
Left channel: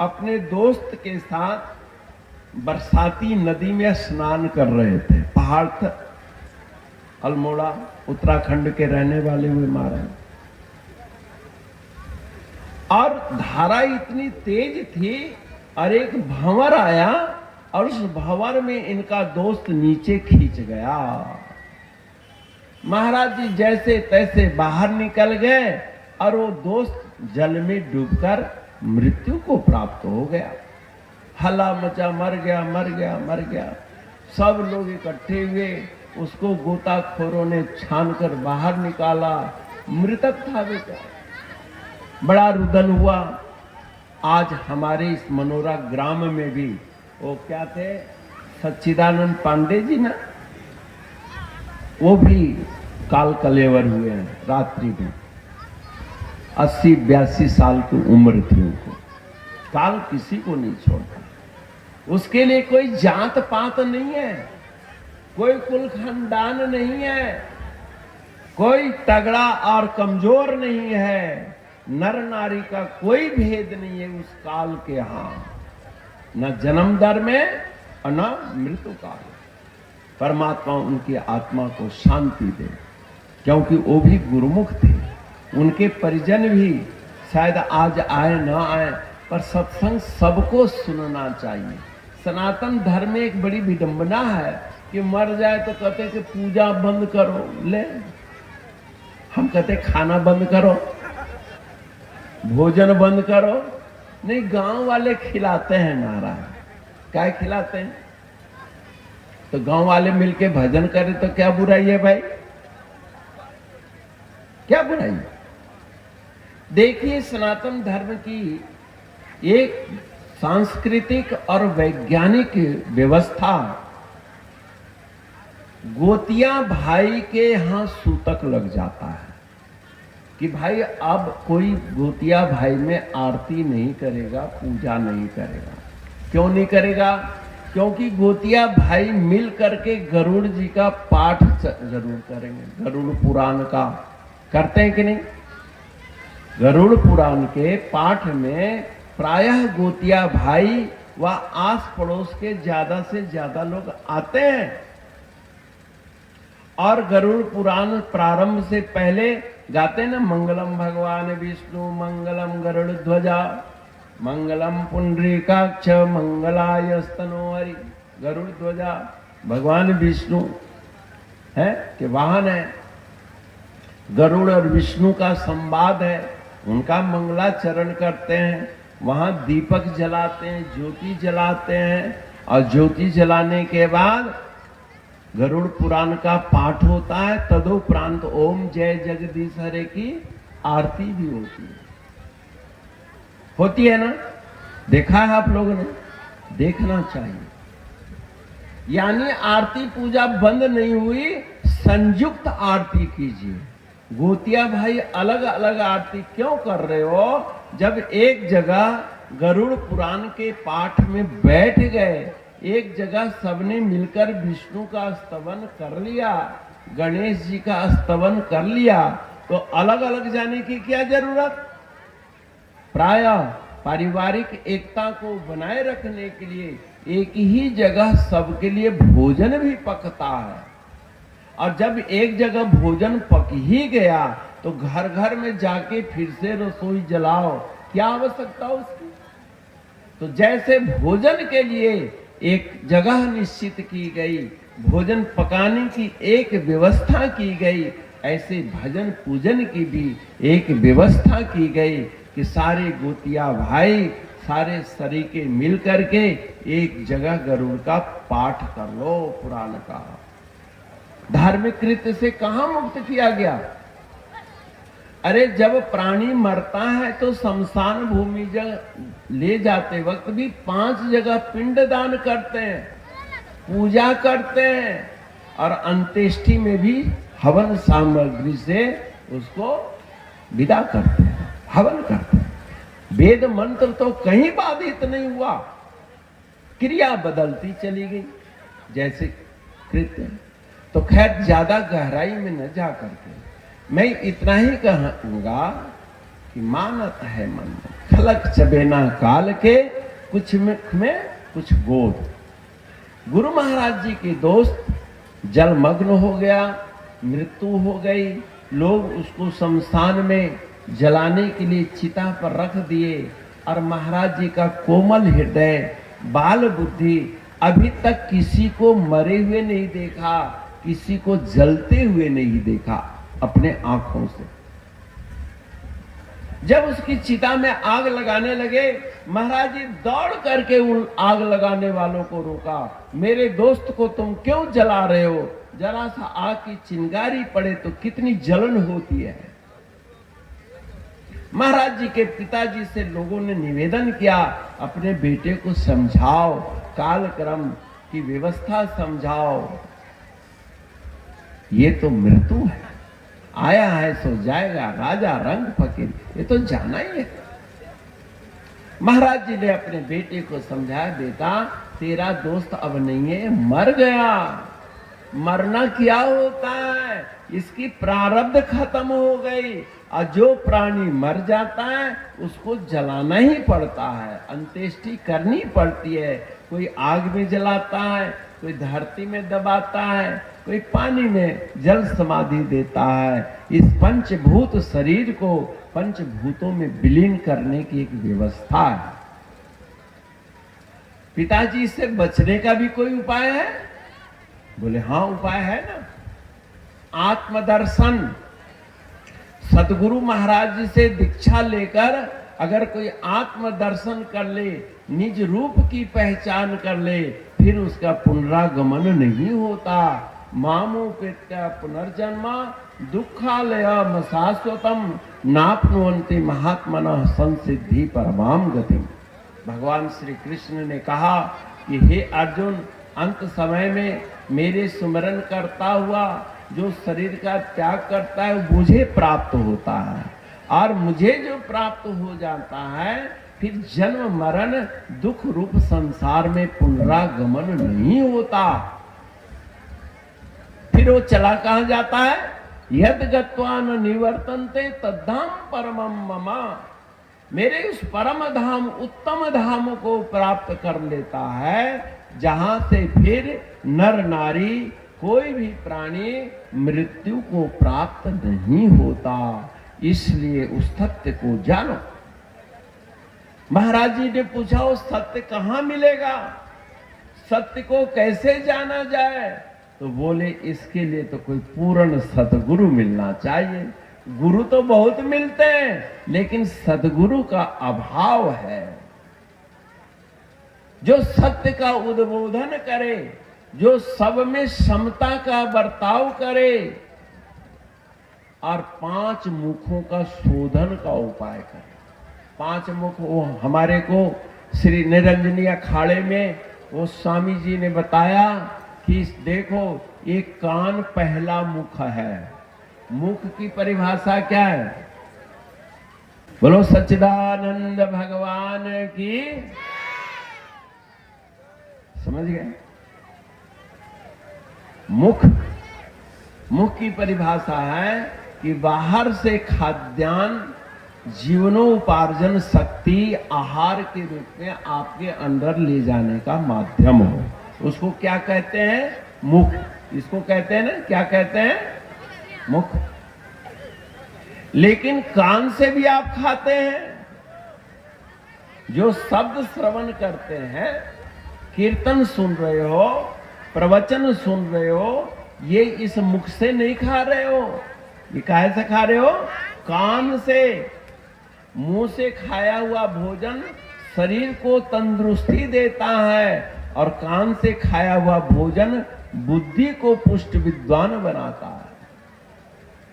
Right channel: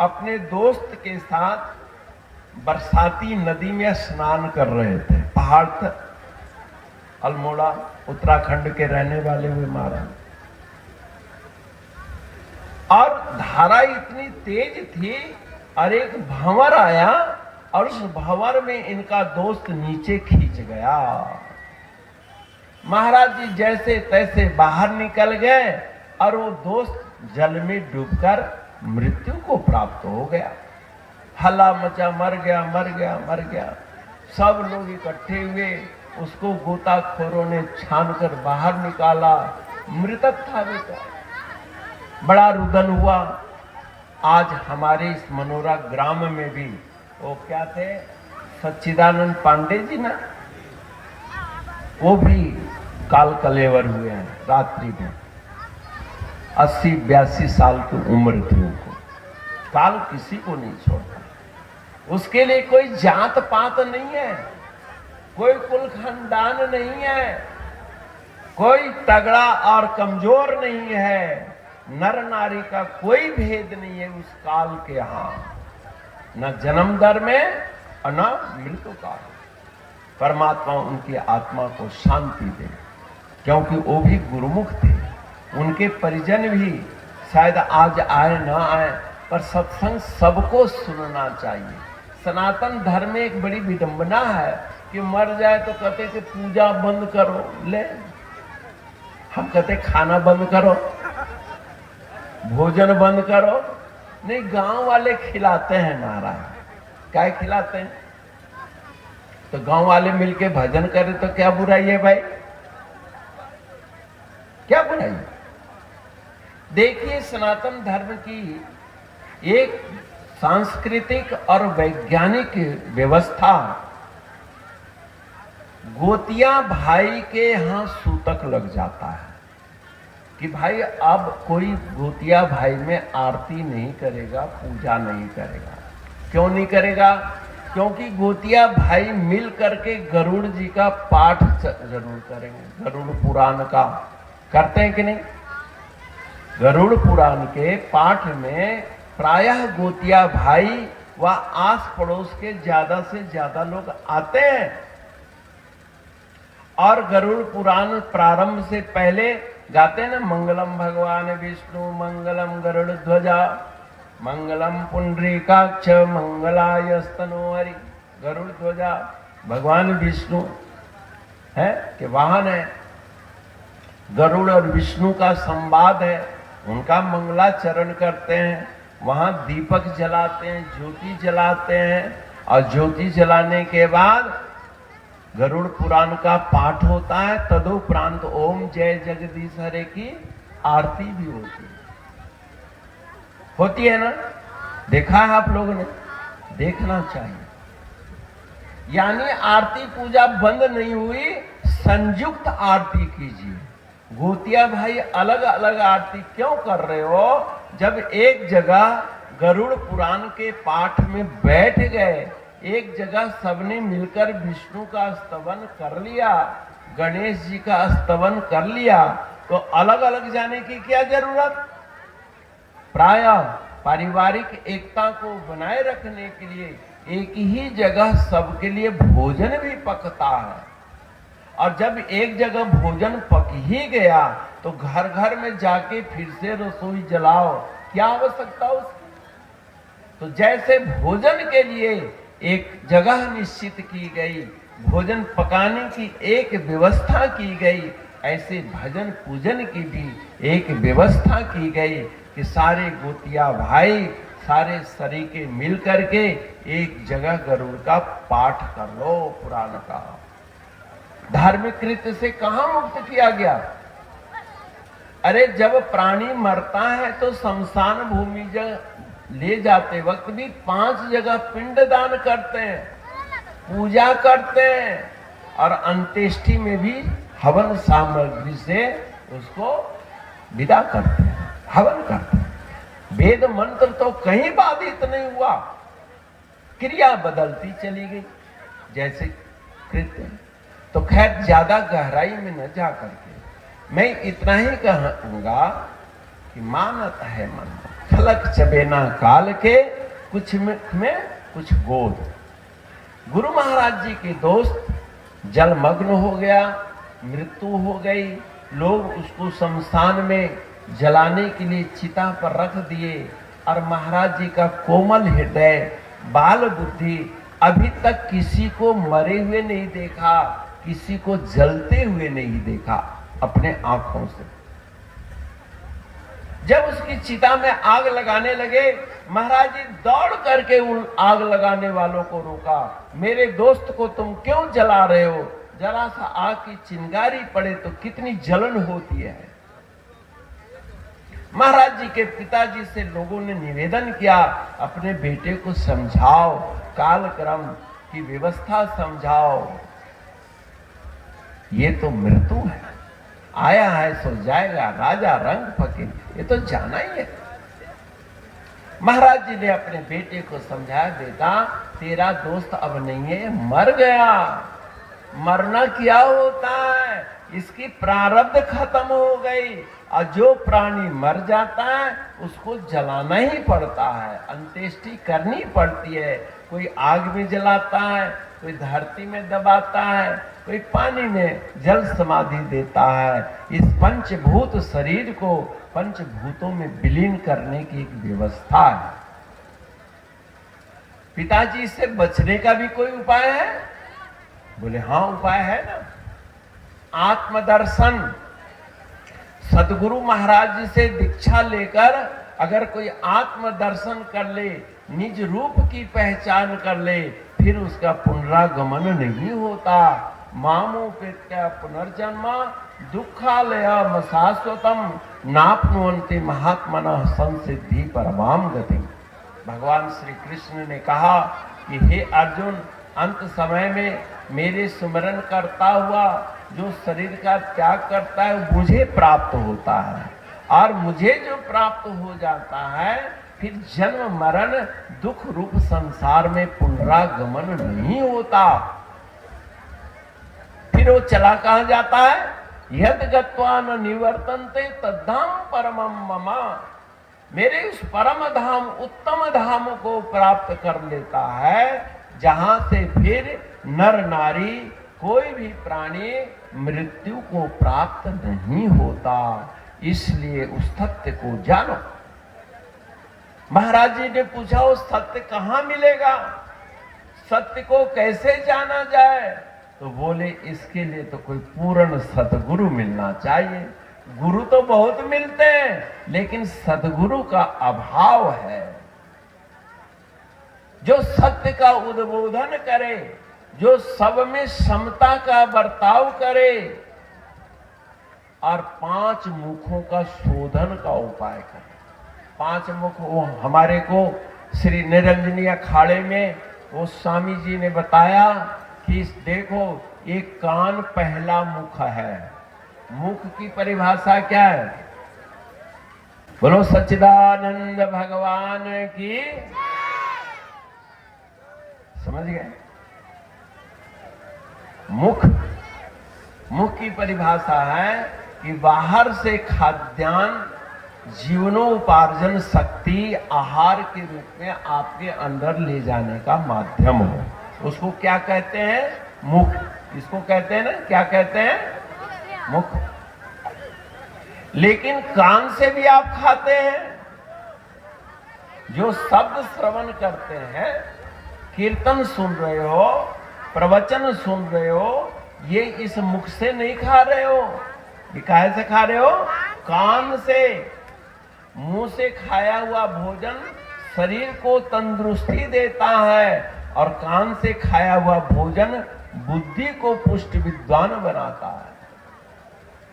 अपने दोस्त के साथ बरसाती नदी में स्नान कर रहे थे। पहाड़ तक, अल्मोड़ा उत्तराखंड के रहने वाले हुए महाराज, और धारा इतनी तेज थी और एक भंवर आया और उस भंवर में इनका दोस्त नीचे खींच गया। महाराज जी जैसे तैसे बाहर निकल गए और वो दोस्त जल में डूबकर मृत्यु को प्राप्त हो गया। हल्ला मचा, मर गया मर गया मर गया। सब लोग इकट्ठे हुए, उसको गोताखोरों ने छानकर बाहर निकाला। मृतक था बेटा। बड़ा रुदन हुआ। आज हमारे इस मनोरा ग्राम में भी वो क्या थे, सच्चिदानंद पांडे जी ना, वो भी काल कलेवर हुए हैं रात्रि में। 80-82 साल की उम्र थी उनको। काल किसी को नहीं छोड़ता। उसके लिए कोई जात पात नहीं है, कोई कुल खानदान नहीं है, कोई तगड़ा और कमजोर नहीं है। नर नारी का कोई भेद नहीं है उस काल के यहां, न जन्म दर में और न मृत्यु काल। परमात्मा उनकी आत्मा को शांति दे, क्योंकि वो भी गुरुमुख थे। उनके परिजन भी शायद आज आए ना आए, पर सत्संग सबको सुनना चाहिए। सनातन धर्म में एक बड़ी विडंबना है कि मर जाए तो कहते कि पूजा बंद करो। ले, हम कहते खाना बंद करो, भोजन बंद करो। नहीं, गांव वाले खिलाते हैं महाराज। क्या खिलाते हैं? तो गांव वाले मिलके भजन करें तो क्या बुराई है भाई? क्या बुराई? देखिए, सनातन धर्म की एक सांस्कृतिक और वैज्ञानिक व्यवस्था, गोतिया भाई के यहां सूतक लग जाता है कि भाई अब कोई गोतिया भाई में आरती नहीं करेगा, पूजा नहीं करेगा। क्यों नहीं करेगा? क्योंकि गोतिया भाई मिल करके गरुड़ जी का पाठ जरूर करेंगे। गरुड़ पुराण का करते हैं कि नहीं? गरुड़ पुराण के पाठ में प्रायः गोतिया भाई व आस पड़ोस के ज्यादा से ज्यादा लोग आते हैं। और गरुड़ पुराण प्रारंभ से पहले गाते हैं ना, मंगलम भगवान विष्णु मंगलम गरुड़ ध्वजा मंगलम पुंडरीकाक्ष मंगलाय स्तनोहरि। गरुड़ ध्वजा भगवान विष्णु है कि वाहन है। गरुड़ और विष्णु का संवाद है, उनका मंगलाचरण करते हैं। वहां दीपक जलाते हैं, ज्योति जलाते हैं, और ज्योति जलाने के बाद गरुड़ पुराण का पाठ होता है। तदुपरांत ओम जय जगदीश हरे की आरती भी होती है ना। देखा है आप लोगों ने? देखना चाहिए। यानी आरती पूजा बंद नहीं हुई, संयुक्त आरती कीजिए। गोतिया भाई अलग अलग आरती क्यों कर रहे हो? जब एक जगह गरुड़ पुराण के पाठ में बैठ गए, एक जगह सबने मिलकर विष्णु का स्तवन कर लिया, गणेश जी का स्तवन कर लिया, तो अलग अलग जाने की क्या जरूरत? प्रायः पारिवारिक एकता को बनाए रखने के लिए एक ही जगह सबके लिए भोजन भी पकता है। और जब एक जगह भोजन पक ही गया तो घर घर में जाके फिर से रसोई जलाओ, क्या आवश्यकता उसकी? तो जैसे भोजन के लिए एक जगह निश्चित की गई, भोजन पकाने की एक व्यवस्था की गई, ऐसे भजन पूजन की भी एक व्यवस्था की गई कि सारे गोतिया भाई, सारे सरीके मिल करके एक जगह गरुड़ का पाठ कर लो पुराण का। धार्मिक कृत्य से कहां मुक्त किया गया? अरे जब प्राणी मरता है तो शमशान भूमि ले जाते वक्त भी 5 जगह पिंड दान करते हैं, पूजा करते हैं, और अंत्येष्टि में भी हवन सामग्री से उसको विदा करते हैं, हवन करते हैं। वेद मंत्र तो कहीं बाधित नहीं हुआ, क्रिया बदलती चली गई जैसे कृत्य। तो खैर ज्यादा गहराई में न जा करके मैं इतना ही कहूंगा कि मानत है मन खलक चबेना काल के, कुछ में कुछ बोध। गुरु महाराज जी के दोस्त जलमग्न हो गया, मृत्यु हो गई, लोग उसको शमशान में जलाने के लिए चिता पर रख दिए, और महाराज जी का कोमल हृदय, बाल बुद्धि, अभी तक किसी को मरे हुए नहीं देखा, किसी को जलते हुए नहीं देखा अपने आंखों से। जब उसकी चिता में आग लगाने लगे, महाराज जी दौड़ करके उन आग लगाने वालों को रोका। मेरे दोस्त को तुम क्यों जला रहे हो? जरा सा आग की चिंगारी पड़े तो कितनी जलन होती है। महाराज जी के पिताजी से लोगों ने निवेदन किया, अपने बेटे को समझाओ, कालक्रम की व्यवस्था समझाओ। ये तो मृत्यु है, आया है सो जाएगा, राजा रंग फकीर, ये तो जाना ही है। महाराज जी ने अपने बेटे को समझाया, बेटा तेरा दोस्त अब नहीं है, मर गया। मरना क्या होता है? इसकी प्रारब्ध खत्म हो गई, और जो प्राणी मर जाता है उसको जलाना ही पड़ता है, अंत्येष्टि करनी पड़ती है। कोई आग में जलाता है, कोई धरती में दबाता है, कोई पानी में जल समाधि देता है। इस पंचभूत शरीर को पंचभूतों में विलीन करने की एक व्यवस्था है। पिताजी से बचने का भी कोई उपाय है? बोले हाँ उपाय है ना, आत्मदर्शन। सदगुरु महाराज जी से दीक्षा लेकर अगर कोई आत्मदर्शन कर ले, निज रूप की पहचान कर ले, फिर उसका पुनरागमन नहीं होता। मामो पित्या पुनर्जन्म दुखालयम शाश्वतम नाप्नुवन्ति महात्मनः संसिद्धि परमाम गति। भगवान श्री कृष्ण ने कहा कि हे अर्जुन, अंत समय में मेरे स्मरण करता हुआ जो शरीर का त्याग करता है मुझे प्राप्त होता है, और मुझे जो प्राप्त हो जाता है फिर जन्म मरण दुख रूप संसार में पुनरागमन नहीं होता। फिर वो चला कहां जाता है? यद गत्वा न निवर्तन्ते तद्धाम परमम मम। मेरे उस परम धाम, उत्तम धाम को प्राप्त कर लेता है, जहां से फिर नर नारी कोई भी प्राणी मृत्यु को प्राप्त नहीं होता। इसलिए उस सत्य को जानो। महाराज जी ने पूछा उस सत्य कहां मिलेगा, सत्य को कैसे जाना जाए? तो बोले इसके लिए तो कोई पूर्ण सदगुरु मिलना चाहिए। गुरु तो बहुत मिलते हैं, लेकिन सदगुरु का अभाव है। जो सत्य का उद्बोधन करे, जो सब में समता का बर्ताव करे और 5 मुखों का शोधन का उपाय करे। 5 मुख वो हमारे को श्री निरंजनी अखाड़े में वो स्वामी जी ने बताया कि देखो ये कान पहला मुख है। मुख की परिभाषा क्या है? बोलो सच्चिदानंद भगवान की। समझ गए? मुख की परिभाषा है कि बाहर से खाद्यान्न जीवनोपार्जन शक्ति आहार के रूप में आपके अंदर ले जाने का माध्यम हो। उसको क्या कहते हैं? मुख। इसको कहते हैं ना, क्या कहते हैं? मुख। लेकिन कान से भी आप खाते हैं। जो शब्द श्रवण करते हैं, कीर्तन सुन रहे हो, प्रवचन सुन रहे हो, ये इस मुख से नहीं खा रहे हो। ये काहे से खा रहे हो? कान से। मुंह से खाया हुआ भोजन शरीर को तंदुरुस्ती देता है और कान से खाया हुआ भोजन बुद्धि को पुष्ट विद्वान बनाता है।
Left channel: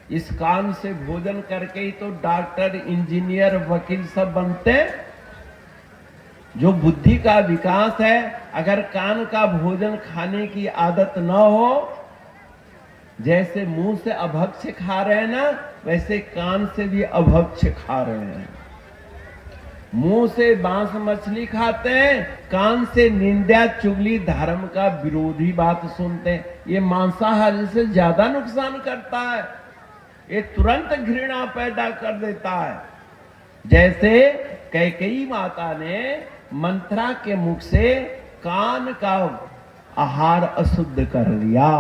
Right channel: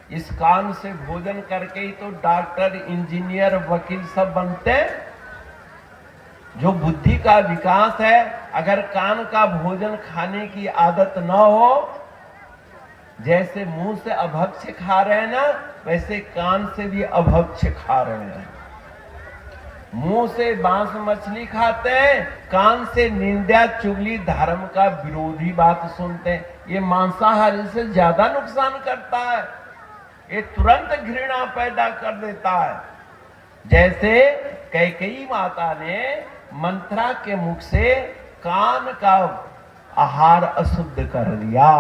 इस कान से भोजन करके ही तो डॉक्टर, इंजीनियर, वकील सब बनते हैं। जो बुद्धि का विकास है, अगर कान का भोजन खाने की आदत न हो, जैसे मुंह से अभक्ष खा रहे हैं ना, वैसे कान से भी अभक्ष खा रहे हैं। मुंह से मांस मछली खाते हैं, कान से निंदा चुगली धर्म का विरोधी बात सुनते हैं। ये मांसाहारी से ज्यादा नुकसान करता है। ये तुरंत घृणा पैदा कर देता है। जैसे कैकेयी माता ने मंत्रा के मुख से कान का आहार अशुद्ध कर दिया।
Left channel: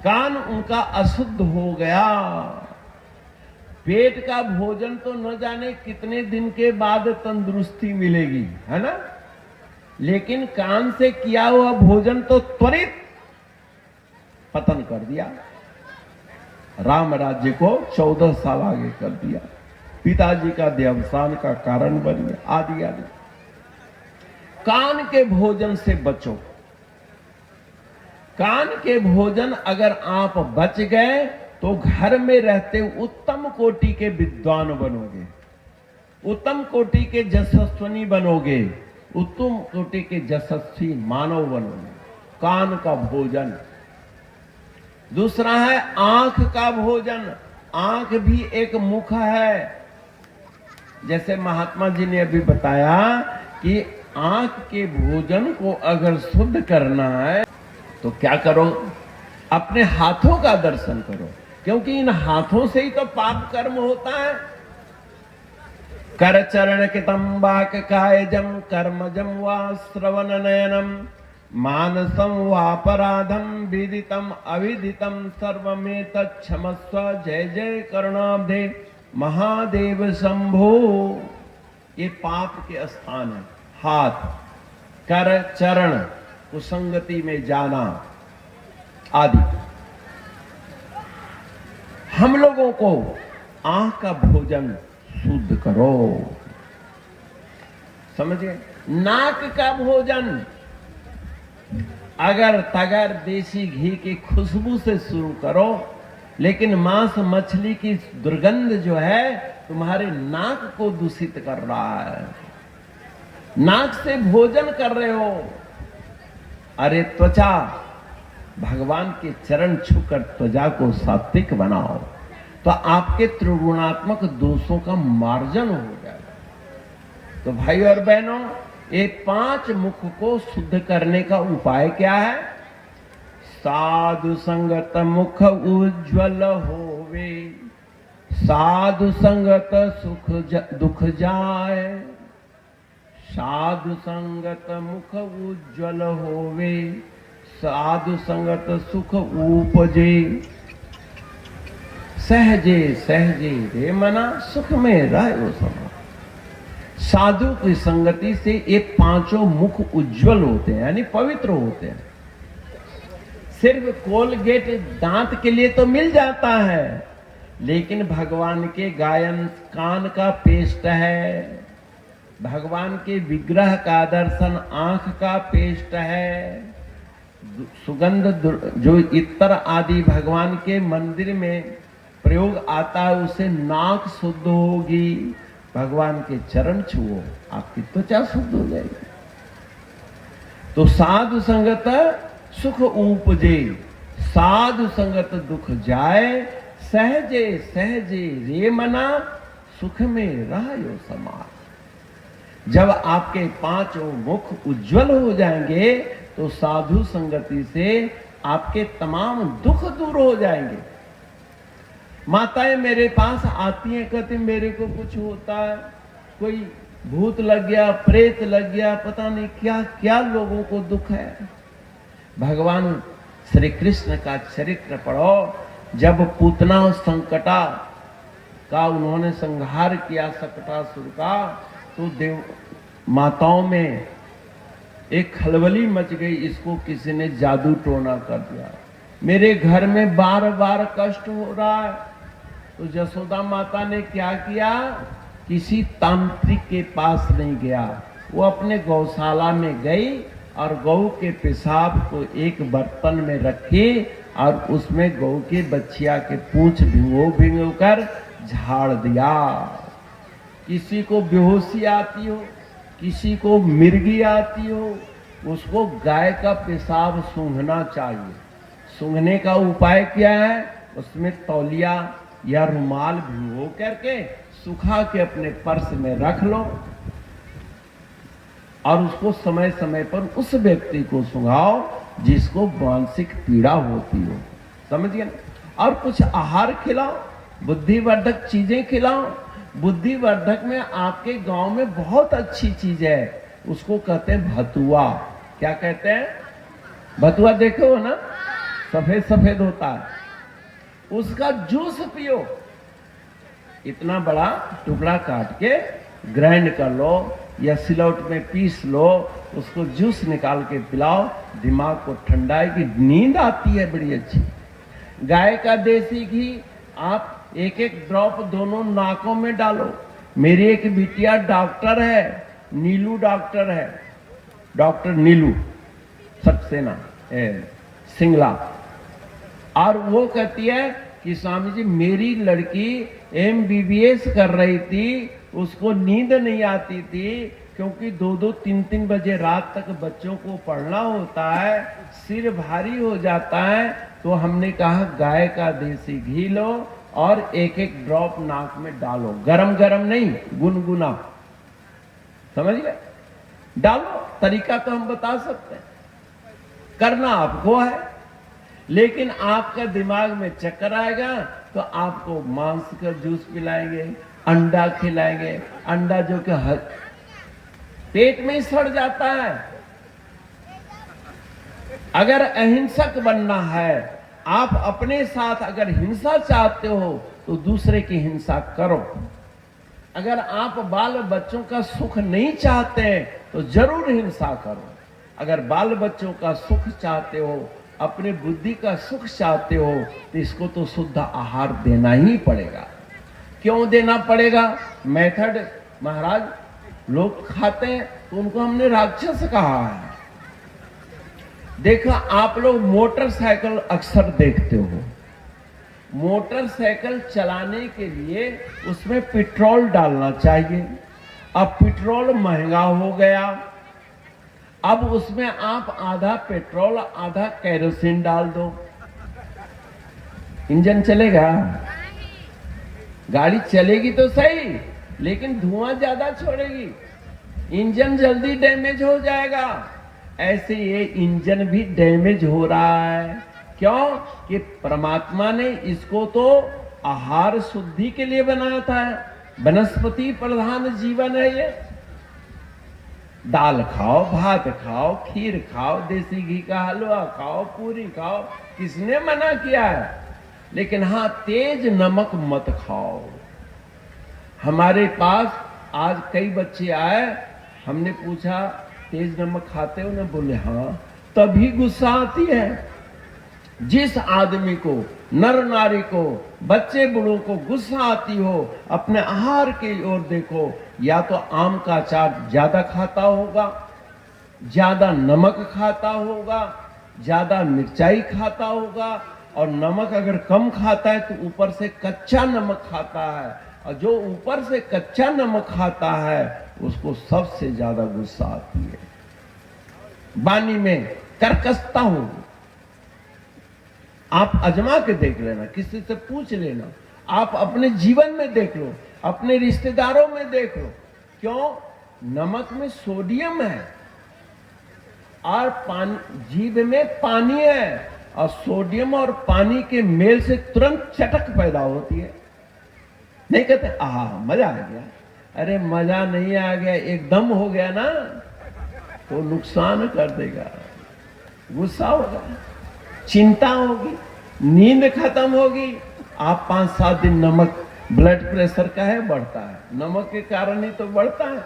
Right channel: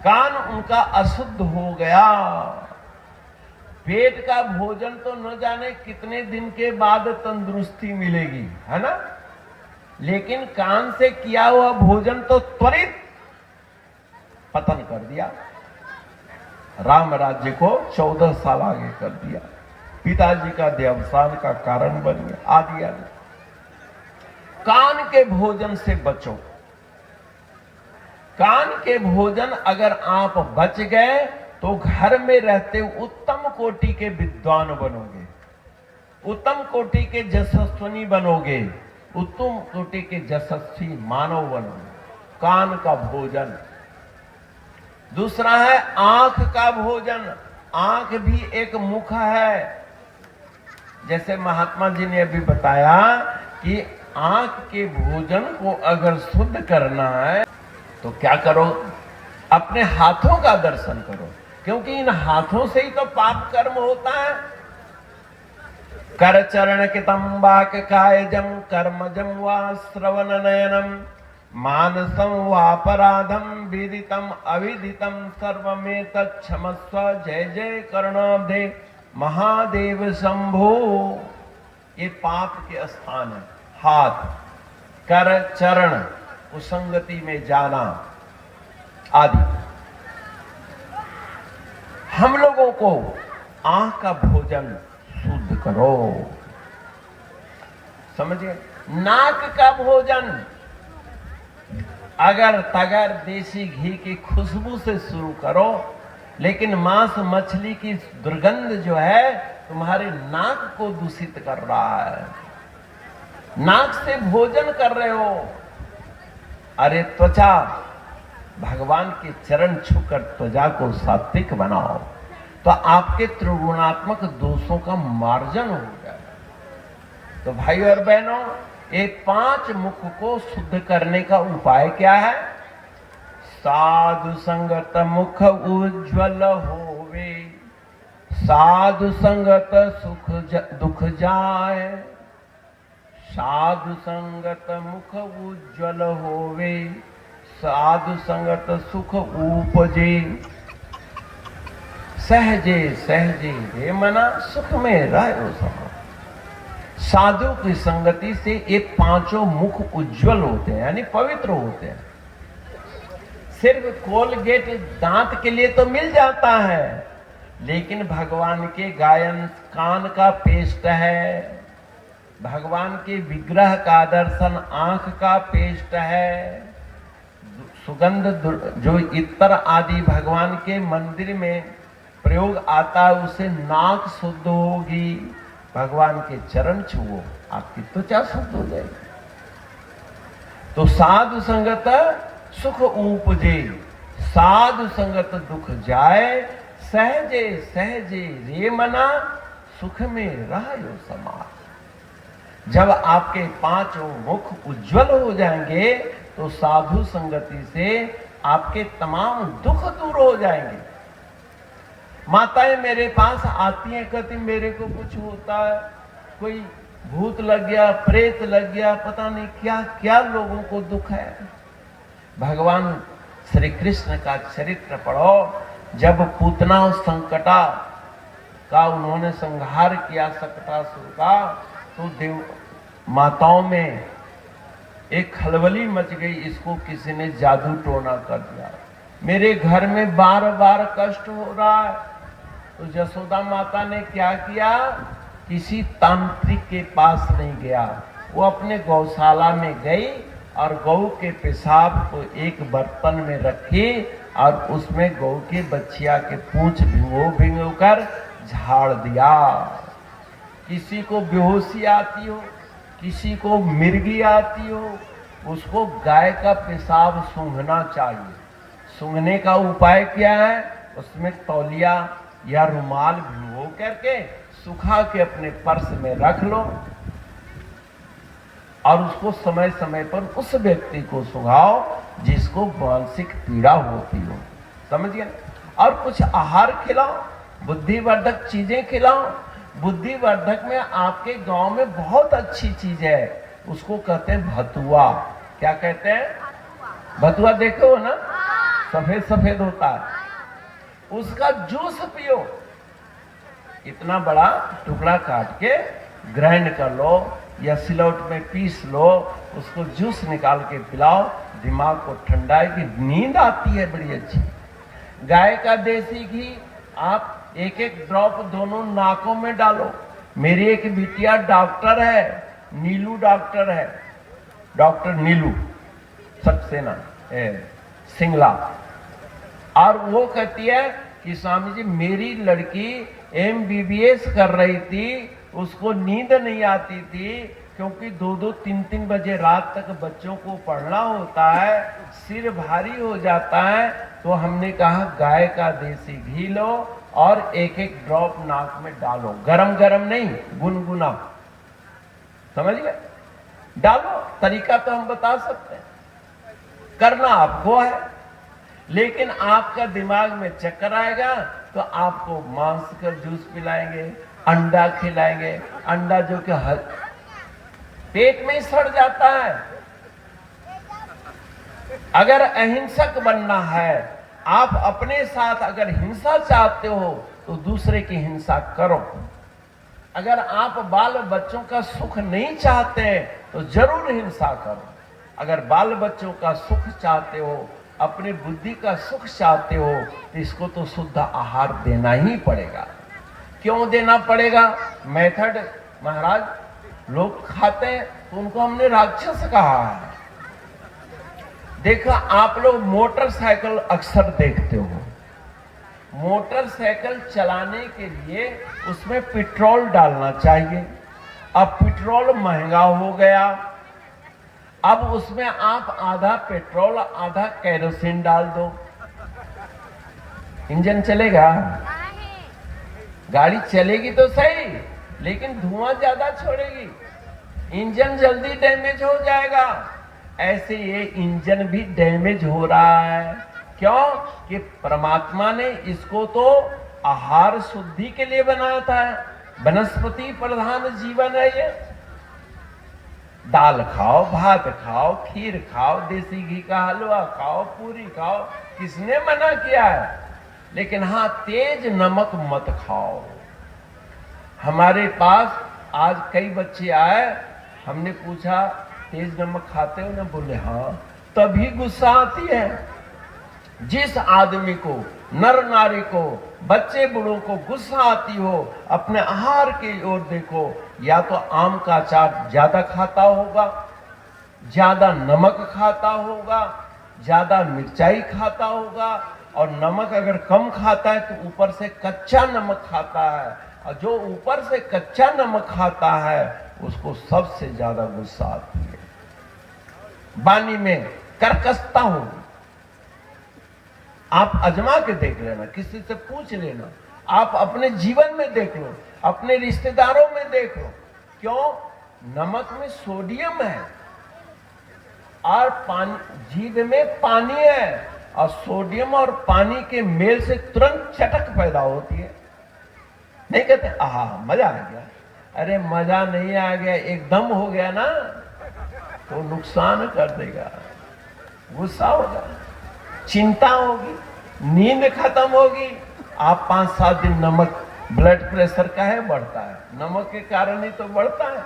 कान उनका अशुद्ध हो गया। पेट का भोजन तो न जाने कितने दिन के बाद तंदुरुस्ती मिलेगी, है ना? लेकिन कान से किया हुआ भोजन तो त्वरित पतन कर दिया। राम राज्य को 14 साल आगे कर दिया। पिताजी का देवसान का कारण बन गया आदि आदि। कान के भोजन से बचो। कान के भोजन अगर आप बच गए तो घर में रहते उत्तम कोटि के विद्वान बनोगे, उत्तम कोटि के यशस्विनी बनोगे, उत्तम कोटि के यशस्वी मानव बनोगे। कान का भोजन। दूसरा है आंख का भोजन। आंख भी एक मुख है। जैसे महात्मा जी ने अभी बताया कि आंख के भोजन को अगर शुद्ध करना है तो क्या करो? अपने हाथों का दर्शन करो, क्योंकि इन हाथों से ही तो पाप कर्म होता है। कर चरण कितम वाक कायजम कर्मजम वा श्रवण नयनम मानसम वापराधम विदितम अविदितम सर्वमेतत् क्षमस्व। जय जय करुणाब्धे महादेव शंभो। ये पाप के स्थान है। हाथ, कर, चरण, कुसंगति में जाना आदि। हम लोगों को आंख का भोजन शुद्ध करो। समझिए? नाक का भोजन अगर तगर देसी घी की खुशबू से शुरू करो, लेकिन मांस मछली की दुर्गंध जो है तुम्हारे नाक को दूषित कर रहा है। नाक से भोजन कर रहे हो। अरे त्वचा, भगवान के चरण छूकर त्वचा को सात्विक बनाओ तो आपके त्रिगुणात्मक दोषों का मार्जन हो जाए। तो भाई और बहनों, ये 5 मुख को शुद्ध करने का उपाय क्या है? साधु संगत मुख उज्ज्वल होवे, साधु संगत सुख दुख जाए। साधु संगत मुख उज्ज्वल होवे, साधु संगत सुख उपजे। सहजे सहजे हे मना सुख में रहो समा। साधु की संगति से ये 5 मुख उज्जवल होते हैं, यानी पवित्र होते हैं। सिर्फ कोलगेट दांत के लिए तो मिल जाता है, लेकिन भगवान के गायन कान का पेस्ट है, भगवान के विग्रह का दर्शन आंख का पेस्ट है। सुगंध जो इत्र आदि भगवान के मंदिर में प्रयोग आता है, उससे नाक शुद्ध होगी। भगवान के चरण छुओ, आपकी त्वचा शुद्ध हो जाएगी। तो साधु संगत सुख उपजे, साधु संगत दुख जाए, सहजे सहजे रे मना, सुख में रहो समा। जब आपके पांचों मुख उज्जवल हो जाएंगे तो साधु संगति से आपके तमाम दुख दूर हो जाएंगे। माताएं मेरे पास आती हैं, कहती मेरे को कुछ होता है, कोई भूत लग गया, प्रेत लग गया, पता नहीं क्या क्या लोगों को दुख है। भगवान श्री कृष्ण का चरित्र पढ़ो। जब पूतना संकटा का उन्होंने संहार किया सकटासुर का, तो देव माताओं में एक खलबली मच गई, इसको किसी ने जादू टोना कर दिया, मेरे घर में बार बार कष्ट हो रहा है। तो यशोदा माता ने क्या किया, किसी तांत्रिक के पास नहीं गया, वो अपने गौशाला में गई और गौ के पेशाब को एक बर्तन में रखी और उसमें गौ के बच्चिया के पूंछ भिगो कर झाड़ दिया। किसी को बेहोशी आती हो, किसी को मिर्गी आती हो, उसको गाय का पेशाब सूंघना चाहिए। सूंघने का उपाय क्या है, उसमें तौलिया या रुमाल भिगो करके सुखा के अपने पर्स में रख लो और उसको समय समय पर उस व्यक्ति को सुंघाओ जिसको मानसिक पीड़ा होती हो, समझिए। और कुछ आहार खिलाओ, बुद्धिवर्धक चीजें खिलाओ। बुद्धिवर्धक में आपके गांव में बहुत अच्छी चीज है, उसको कहते हैं भतुआ। क्या कहते हैं? भतुआ देखो हो ना, सफेद सफेद होता है, उसका जूस पियो। इतना बड़ा टुकड़ा काट के ग्राइंड कर लो या सिलौट में पीस लो, उसको जूस निकाल के पिलाओ, दिमाग को ठंडा है कि नींद आती है बड़ी अच्छी। गाय का देसी घी आप एक एक ड्रॉप दोनों नाकों में डालो। मेरी एक बिटिया डॉक्टर है, नीलू डॉक्टर है, डॉक्टर नीलू सक्सेना सिंगला, और वो कहती है कि स्वामी जी मेरी लड़की MBBS कर रही थी, उसको नींद नहीं आती थी क्योंकि 2-2, 3-3 बजे रात तक बच्चों को पढ़ना होता है, सिर भारी हो जाता है। तो हमने कहा गाय का देसी घी लो और एक एक ड्रॉप नाक में डालो, गरम गरम नहीं, गुनगुना, समझ गए? डालो। तरीका तो हम बता सकते हैं, करना आपको है, लेकिन आपका दिमाग में चक्कर आएगा तो आपको मांस का जूस पिलाएंगे, अंडा खिलाएंगे। अंडा जो कि पेट में ही सड़ जाता है। अगर अहिंसक बनना है, आप अपने साथ अगर हिंसा चाहते हो तो दूसरे की हिंसा करो। अगर आप बाल बच्चों का सुख नहीं चाहते तो जरूर हिंसा करो। अगर बाल बच्चों का सुख चाहते हो, अपनी बुद्धि का सुख चाहते हो, तो इसको तो शुद्ध आहार देना ही पड़ेगा। क्यों देना पड़ेगा? मेथड महाराज, लोग खाते हैं तो उनको हमने राक्षस कहा है। देखा, आप लोग मोटरसाइकिल अक्सर देखते हो, मोटरसाइकिल चलाने के लिए उसमें पेट्रोल डालना चाहिए। अब पेट्रोल महंगा हो गया, अब उसमें आप आधा पेट्रोल आधा केरोसिन डाल दो, इंजन चलेगा? गाड़ी चलेगी तो सही, लेकिन धुआं ज्यादा छोड़ेगी, इंजन जल्दी डैमेज हो जाएगा। ऐसे ये इंजन भी डैमेज हो रहा है। क्यों? कि परमात्मा ने इसको तो आहार शुद्धि के लिए बनाया था। वनस्पति प्रधान जीवन है ये। दाल खाओ, भात खाओ, खीर खाओ, देसी घी का हलवा खाओ, पूरी खाओ, किसने मना किया है? लेकिन हाँ, तेज नमक मत खाओ। हमारे पास आज कई बच्चे आए, हमने पूछा तेज नमक खाते हो ना? बोले हाँ। तभी गुस्सा आती है। जिस आदमी को, नर नारी को बच्चे बूढ़ों को गुस्सा आती हो, अपने आहार की ओर देखो, या तो आम का अचार ज्यादा खाता होगा, ज्यादा नमक खाता होगा, ज्यादा मिर्चाई खाता होगा, और नमक अगर कम खाता है तो ऊपर से कच्चा नमक खाता है, और जो ऊपर से कच्चा नमक खाता है उसको सबसे ज्यादा गुस्सा आती है, वाणी में कर्कशता होगी। आप आजमा के देख लेना, किसी से पूछ लेना, आप अपने जीवन में देख लो, अपने रिश्तेदारों में देख लो। क्यों? नमक में सोडियम है और पानी, जीभ में पानी है, और सोडियम और पानी के मेल से तुरंत चटक पैदा होती है। नहीं कहते आहा मजा आ गया, अरे मजा नहीं आ गया, एकदम हो गया ना तो नुकसान कर देगा। गुस्सा होगा, चिंता होगी, नींद खत्म होगी। आप 5-7 दिन नमक, ब्लड प्रेशर का है बढ़ता है, नमक के कारण ही तो बढ़ता है।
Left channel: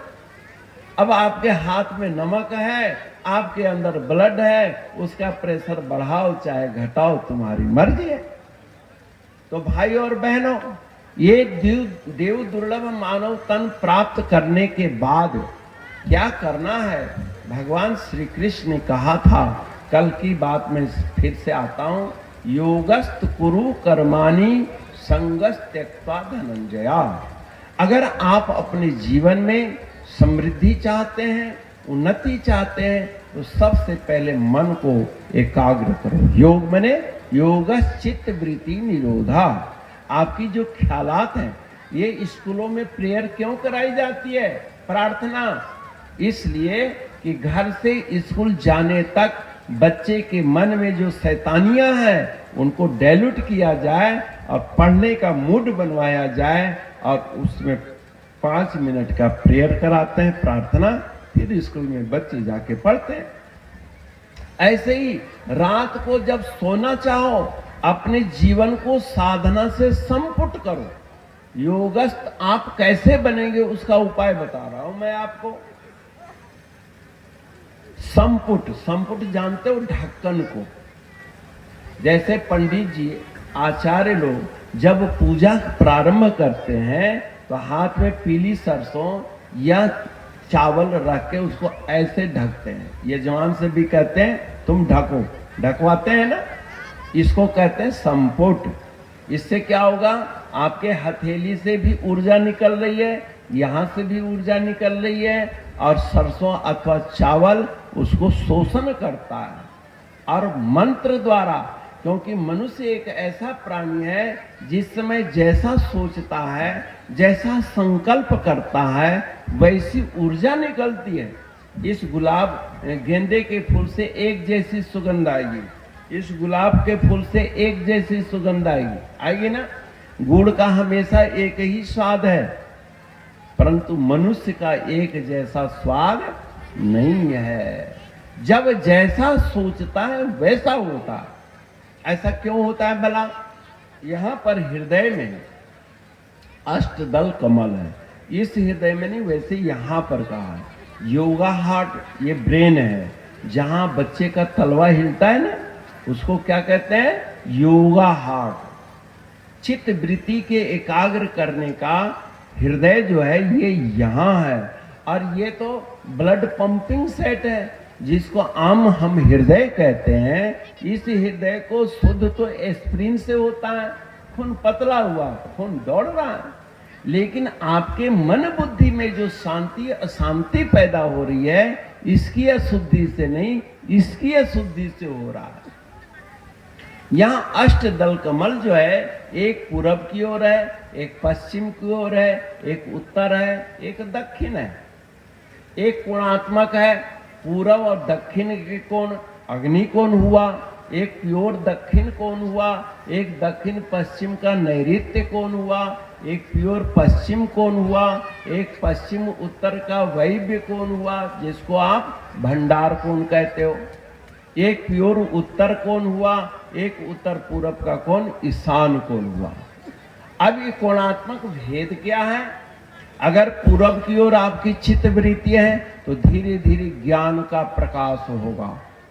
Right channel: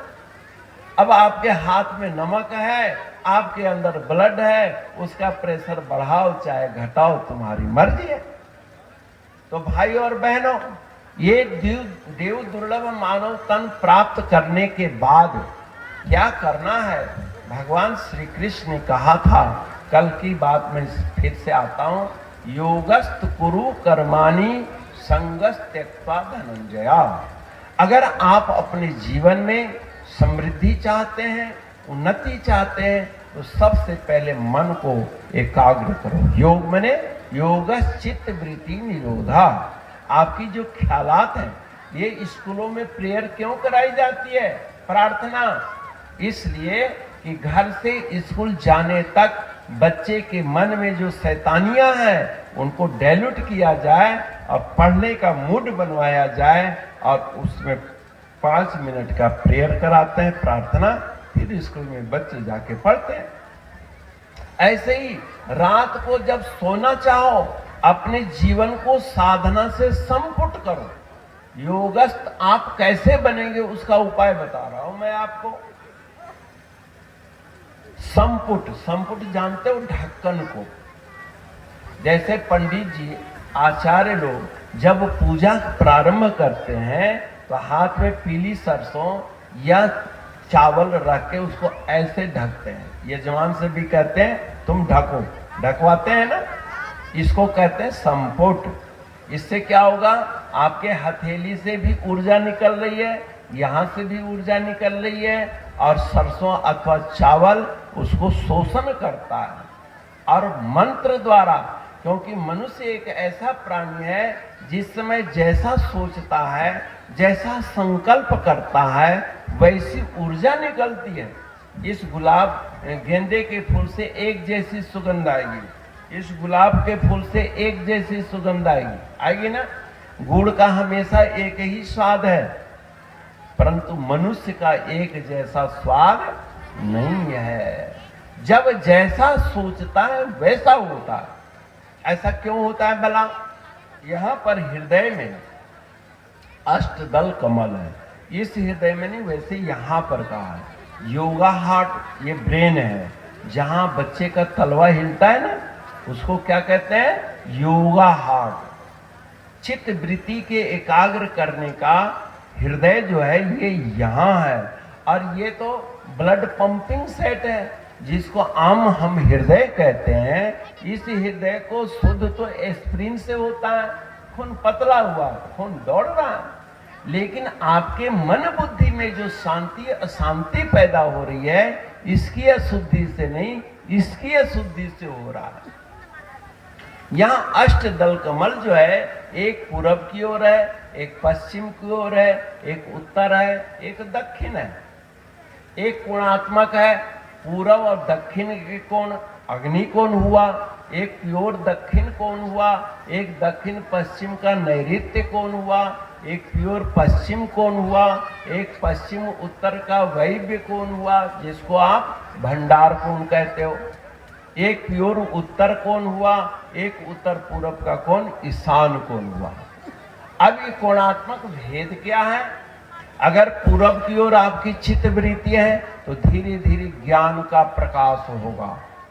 अब आपके हाथ में नमक है, आपके अंदर ब्लड है, उसका प्रेशर बढ़ाओ चाहे घटाओ तुम्हारी मर्जी है। तो भाई और बहनों, ये देव दुर्लभ मानव तन प्राप्त करने के बाद क्या करना है? भगवान श्री कृष्ण ने कहा था, कल की बात में फिर से आता हूं, योगस्त कुरु कर्माणि संगस्त त्यक्त्वा धनंजया। अगर आप अपने जीवन में समृद्धि चाहते हैं, उन्नति चाहते हैं, तो सबसे पहले मन को एकाग्र करो। योग माने योगस् चित्त वृत्ति निरोधा। आपकी जो ख्यालात हैं, ये स्कूलों में प्रेयर क्यों कराई जाती है? प्रार्थना। इसलिए कि घर से स्कूल जाने तक बच्चे के मन में जो शैतानियां हैं उनको डाइल्यूट किया जाए और पढ़ने का मूड बनवाया जाए, और उसमें 5 मिनट का प्रेयर कराते हैं, प्रार्थना, फिर स्कूल में बच्चे जाके पढ़ते हैं। ऐसे ही रात को जब सोना चाहो, अपने जीवन को साधना से संपुट करो। योगस्थ आप कैसे बनेंगे उसका उपाय बता रहा हूं मैं आपको। संपुट, संपुट जानते हो? ढक्कन को। जैसे पंडित जी, आचार्य लोग जब पूजा प्रारंभ करते हैं तो हाथ में पीली सरसों या चावल रख के उसको ऐसे ढकते हैं। यजमान से भी कहते हैं तुम ढको, ढकवाते हैं ना, इसको कहते हैं संपुट। इससे क्या होगा? आपके हथेली से भी ऊर्जा निकल रही है, यहां से भी ऊर्जा निकल रही है, और सरसों अथवा चावल उसको शोषण करता है। और मंत्र द्वारा, क्योंकि मनुष्य एक ऐसा प्राणी है जिस समय जैसा सोचता है, जैसा संकल्प करता है, वैसी ऊर्जा निकलती है। इस गुलाब गेंदे के फूल से एक जैसी सुगंध आएगी, इस गुलाब के फूल से एक जैसी सुगंध आएगी ना। गुड़ का हमेशा एक ही स्वाद है, परंतु मनुष्य का एक जैसा स्वाद नहीं है। जब जैसा सोचता है वैसा होता है। ऐसा क्यों होता है भला? यहाँ पर हृदय में अष्टदल कमल है, इस हृदय में नहीं, वैसे यहाँ पर कहा है। योगा हार्ट, ये ब्रेन है, जहाँ बच्चे का तलवा हिलता है ना, उसको क्या कहते हैं? योगा हार्ट। चित्त वृत्ति के एकाग्र करने का हृदय जो है ये यहाँ है, और ये तो ब्लड पंपिंग सेट है, जिसको आम हम हृदय कहते हैं। इस हृदय को शुद्ध तो एस्प्रिन से होता है, खून पतला हुआ, खून दौड़ रहा है, लेकिन आपके मन बुद्धि में जो शांति अशांति पैदा हो रही है, इसकी अशुद्धि से नहीं, इसकी अशुद्धि से हो रहा है। यहाँ अष्टदल कमल जो है, एक पूरब की ओर है, एक पश्चिम की ओर है, एक उत्तर है, एक दक्षिण है। एक कोणात्मक है, पूरब और दक्षिण के कोण अग्नि कोण हुआ, एक प्योर दक्षिण कोण हुआ, एक दक्षिण पश्चिम का नैऋत्य कोण हुआ, एक प्योर पश्चिम कोण हुआ, एक पश्चिम उत्तर का वैव्य कोण हुआ, जिसको आप भंडार कोण कहते हो। एक प्योर उत्तर कोण हुआ, एक उत्तर पूरब का कोण ईशान कोण हुआ। अब ये कोणात्मक भेद क्या है? अगर पूरब की ओर आपकी चित्त वृत्ति है तो धीरे धीरे ज्ञान का प्रकाश होगा,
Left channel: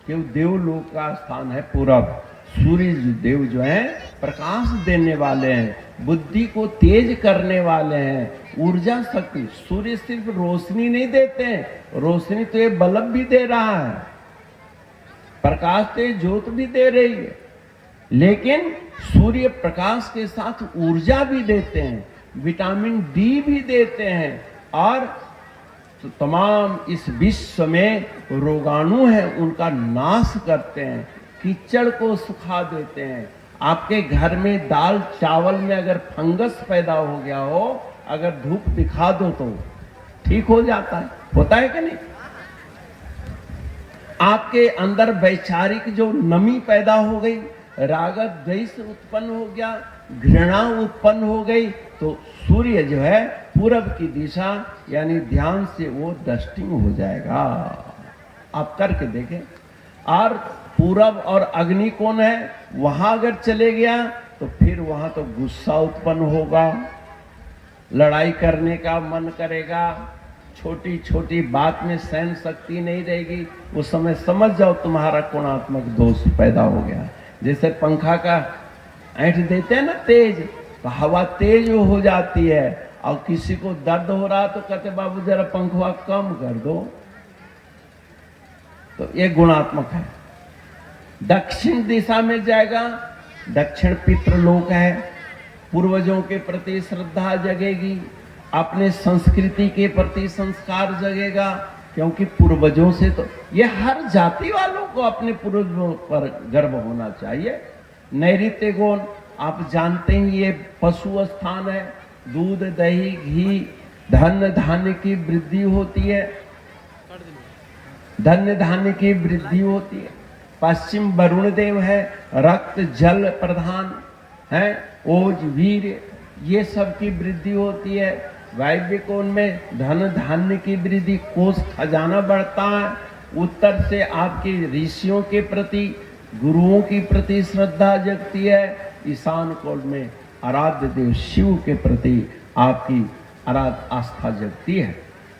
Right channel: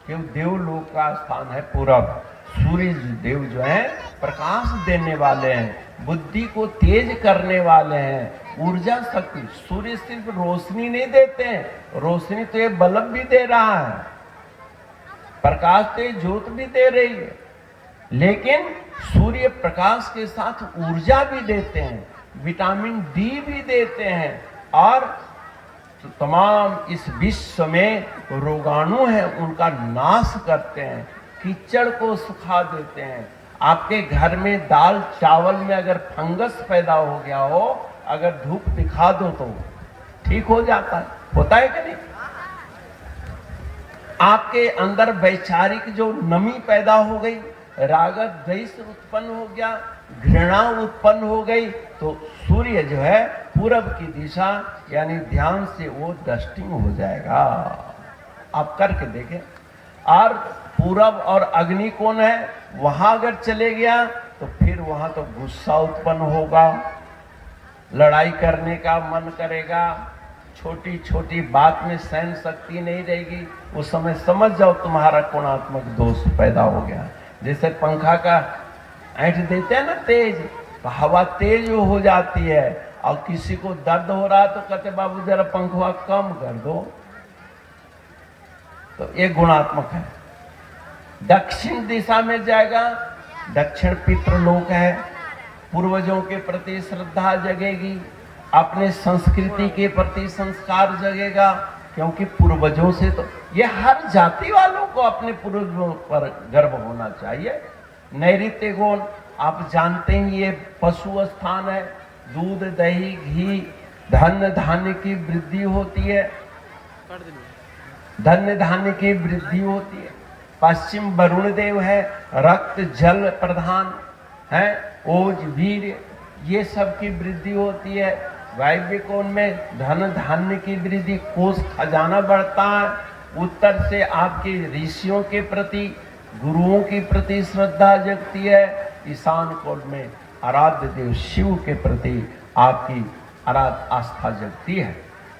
क्यों? देवलोक का स्थान है पूरब, सूर्य देव जो है प्रकाश देने वाले हैं, बुद्धि को तेज करने वाले हैं, ऊर्जा शक्ति। सूर्य सिर्फ रोशनी नहीं देते हैं, रोशनी तो ये बल्ब भी दे रहा है, प्रकाश तो ये ज्योत भी दे रही है, लेकिन सूर्य प्रकाश के साथ ऊर्जा भी देते हैं, विटामिन डी भी देते हैं, और तो तमाम इस विश्व में रोगाणु है उनका नाश करते हैं, कीचड़ को सुखा देते हैं। आपके घर में दाल चावल में अगर फंगस पैदा हो गया हो, अगर धूप दिखा दो तो ठीक हो जाता है, होता है कि नहीं? आपके अंदर वैचारिक जो नमी पैदा हो गई, राग द्वेष उत्पन्न हो गया, घृणा उत्पन्न हो गई, तो सूर्य जो है पूरब की दिशा यानी ध्यान से वो डस्टिंग हो जाएगा। आप करके देखें। और पूरब और अग्नि कोण है, वहां अगर चले गया तो फिर वहां तो गुस्सा उत्पन्न होगा, लड़ाई करने का मन करेगा, छोटी छोटी बात में सहन शक्ति नहीं रहेगी। उस समय समझ जाओ तुम्हारा कोणात्मक दोष पैदा हो गया। जैसे पंखा का ऐंठ देते हैं ना तेज, तो हवा तेज हो जाती है, और किसी को दर्द हो रहा तो कहते बाबू जरा पंखा कम कर दो, तो ये गुणात्मक है। दक्षिण दिशा में जाएगा, दक्षिण पितृलोक है, पूर्वजों के प्रति श्रद्धा जगेगी, अपने संस्कृति के प्रति संस्कार जगेगा, क्योंकि पूर्वजों से तो ये हर जाति वालों को अपने पूर्वजों पर गर्व होना चाहिए। नैऋत्य गुण आप जानते हैं, ये पशु स्थान है, दूध दही घी धन धान्य की वृद्धि होती है, धन्य धान्य की वृद्धि होती है। पश्चिम वरुण देव है, रक्त जल प्रधान है, ओज वीर ये सब की वृद्धि होती है। वायव्य कोण में धन धान्य की वृद्धि, कोष खजाना बढ़ता है। उत्तर से आपके ऋषियों के प्रति गुरुओं के प्रति श्रद्धा जगती है। ईशान कोण में आराध्य देव शिव के प्रति आपकी आस्था जगती है।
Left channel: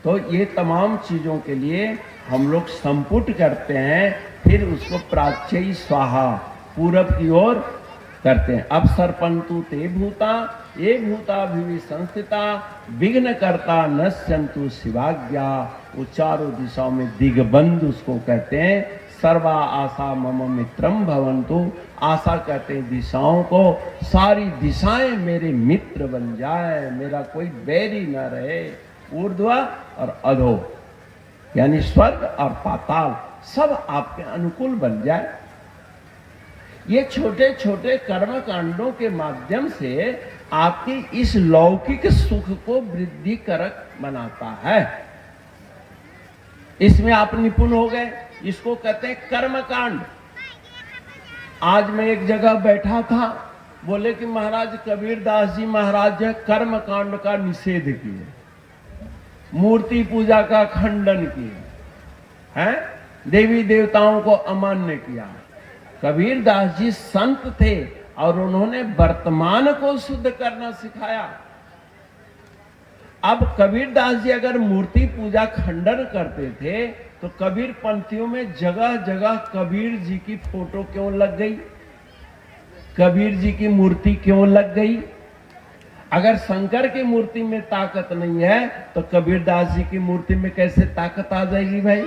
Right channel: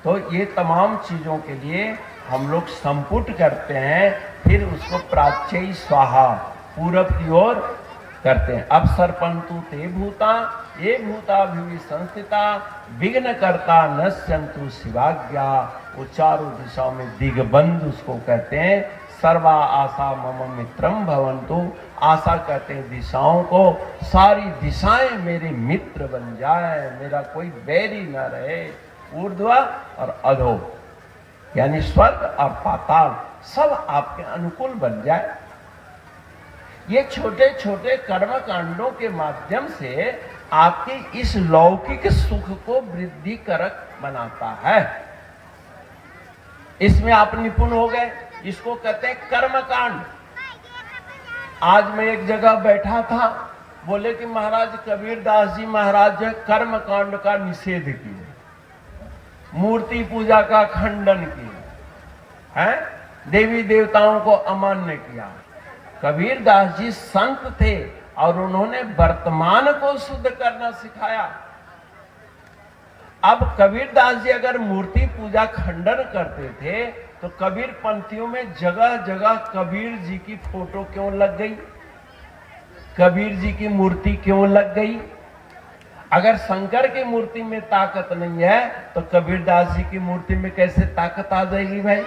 तो ये तमाम चीजों के लिए हम लोग संपुट करते हैं, फिर उसको प्राच्य स्वाहा पूरब की ओर करते हैं। अब सरपंतु ते भूता ये भूता भी संस्थिता विघ्न करता नश्यंतु शिवाज्ञा। वो चारों दिशाओं में दिग्बंध उसको कहते हैं। सर्वा आशा मम मित्रम भवन्तु, आशा कहते हैं दिशाओं को, सारी दिशाएं मेरे मित्र बन जाए, मेरा कोई बैरी न रहे। ऊर्ध्व और अधो यानी स्वर्ग और पाताल सब आपके अनुकूल बन जाए। ये छोटे छोटे कर्म कांडों के माध्यम से आपके इस लौकिक सुख को वृद्धि करक बनाता है। इसमें आप निपुण हो गए, इसको कहते हैं कर्म कांड। आज मैं एक जगह बैठा था, बोले कि महाराज कबीर दास जी महाराज कर्म कांड का निषेध किए, मूर्ति पूजा का खंडन किए हैं, देवी देवताओं को अमान्य किया। कबीर दास जी संत थे और उन्होंने वर्तमान को शुद्ध करना सिखाया। अब कबीर दास जी अगर मूर्ति पूजा खंडन करते थे तो कबीर पंथियों में जगह जगह कबीर जी की फोटो क्यों लग गई, कबीर जी की मूर्ति क्यों लग गई? अगर शंकर की मूर्ति में ताकत नहीं है तो कबीर दास जी की मूर्ति में कैसे ताकत आ जाएगी भाई?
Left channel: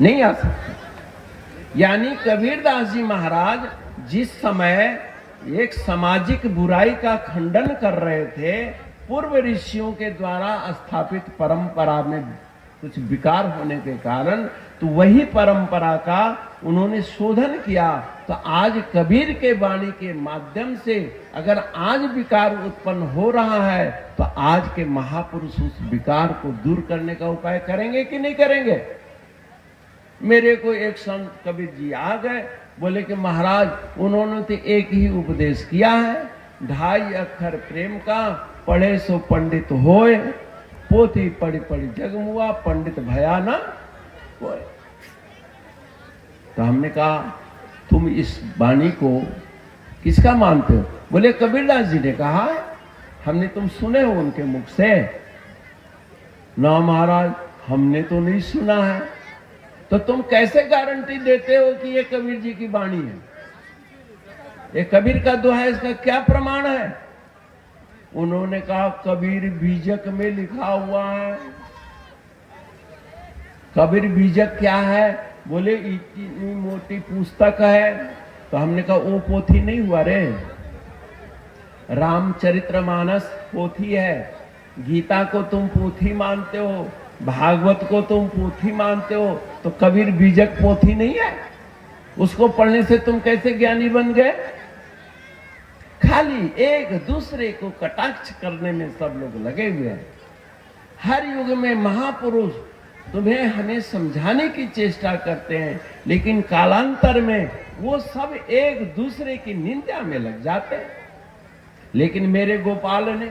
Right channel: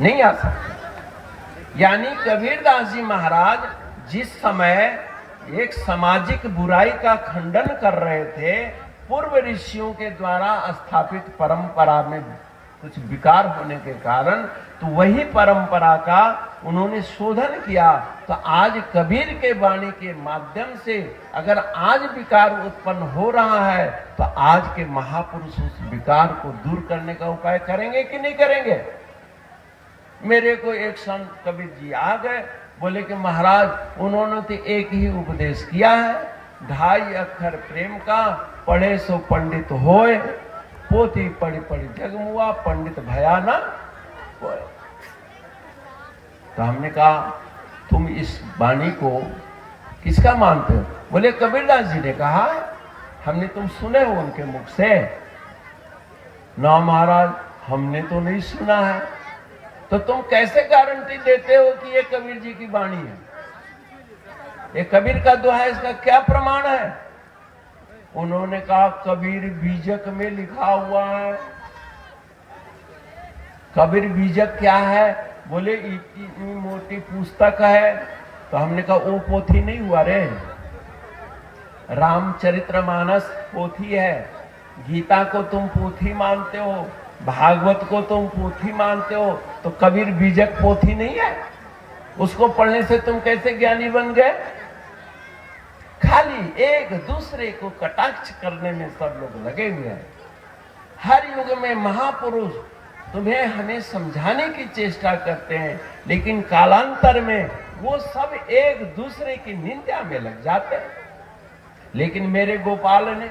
नहीं आ सकती। यानी कबीर दास जी महाराज जिस समय एक सामाजिक बुराई का खंडन कर रहे थे, पूर्व ऋषियों के द्वारा स्थापित परंपरा में कुछ विकार होने के कारण, तो वही परंपरा का उन्होंने शोधन किया। तो आज कबीर के वाणी के माध्यम से अगर आज विकार उत्पन्न हो रहा है तो आज के महापुरुष उस विकार को दूर करने का उपाय करेंगे कि नहीं करेंगे? मेरे को एक संत कबीर जी आ गए, बोले कि महाराज उन्होंने तो एक ही उपदेश किया है, 2.5 अक्षर प्रेम का, पढ़े सो पंडित होए, पोथी पढ़ी पढ़ी जग हुआ, पंडित भया ना। तो हमने कहा तुम इस वाणी को किसका मानते हो? बोले कबीरदास जी ने कहा, हमने तुम सुने हो उनके मुख से। ना महाराज हमने तो नहीं सुना है। तो तुम कैसे गारंटी देते हो कि ये कबीर जी की वाणी है? ये कबीर का दोहा है, इसका क्या प्रमाण है? उन्होंने कहा कबीर बीजक में लिखा हुआ है। कबीर बीजक क्या है? बोले इतनी मोटी पुस्तक है। तो हमने कहा वो पोथी नहीं हुआ रे, रामचरितमानस पोथी है। गीता को तुम पोथी मानते हो, भागवत को तुम पोथी मानते हो, तो कबीर बीजक पोथी नहीं है? उसको पढ़ने से तुम कैसे ज्ञानी बन गए? खाली एक दूसरे को कटाक्ष करने में सब लोग लगे हुए हैं। हर युग में महापुरुष तुम्हें हमें समझाने की चेष्टा करते हैं, लेकिन कालांतर में वो सब एक दूसरे की निंदा में लग जाते हैं। लेकिन मेरे गोपाल ने,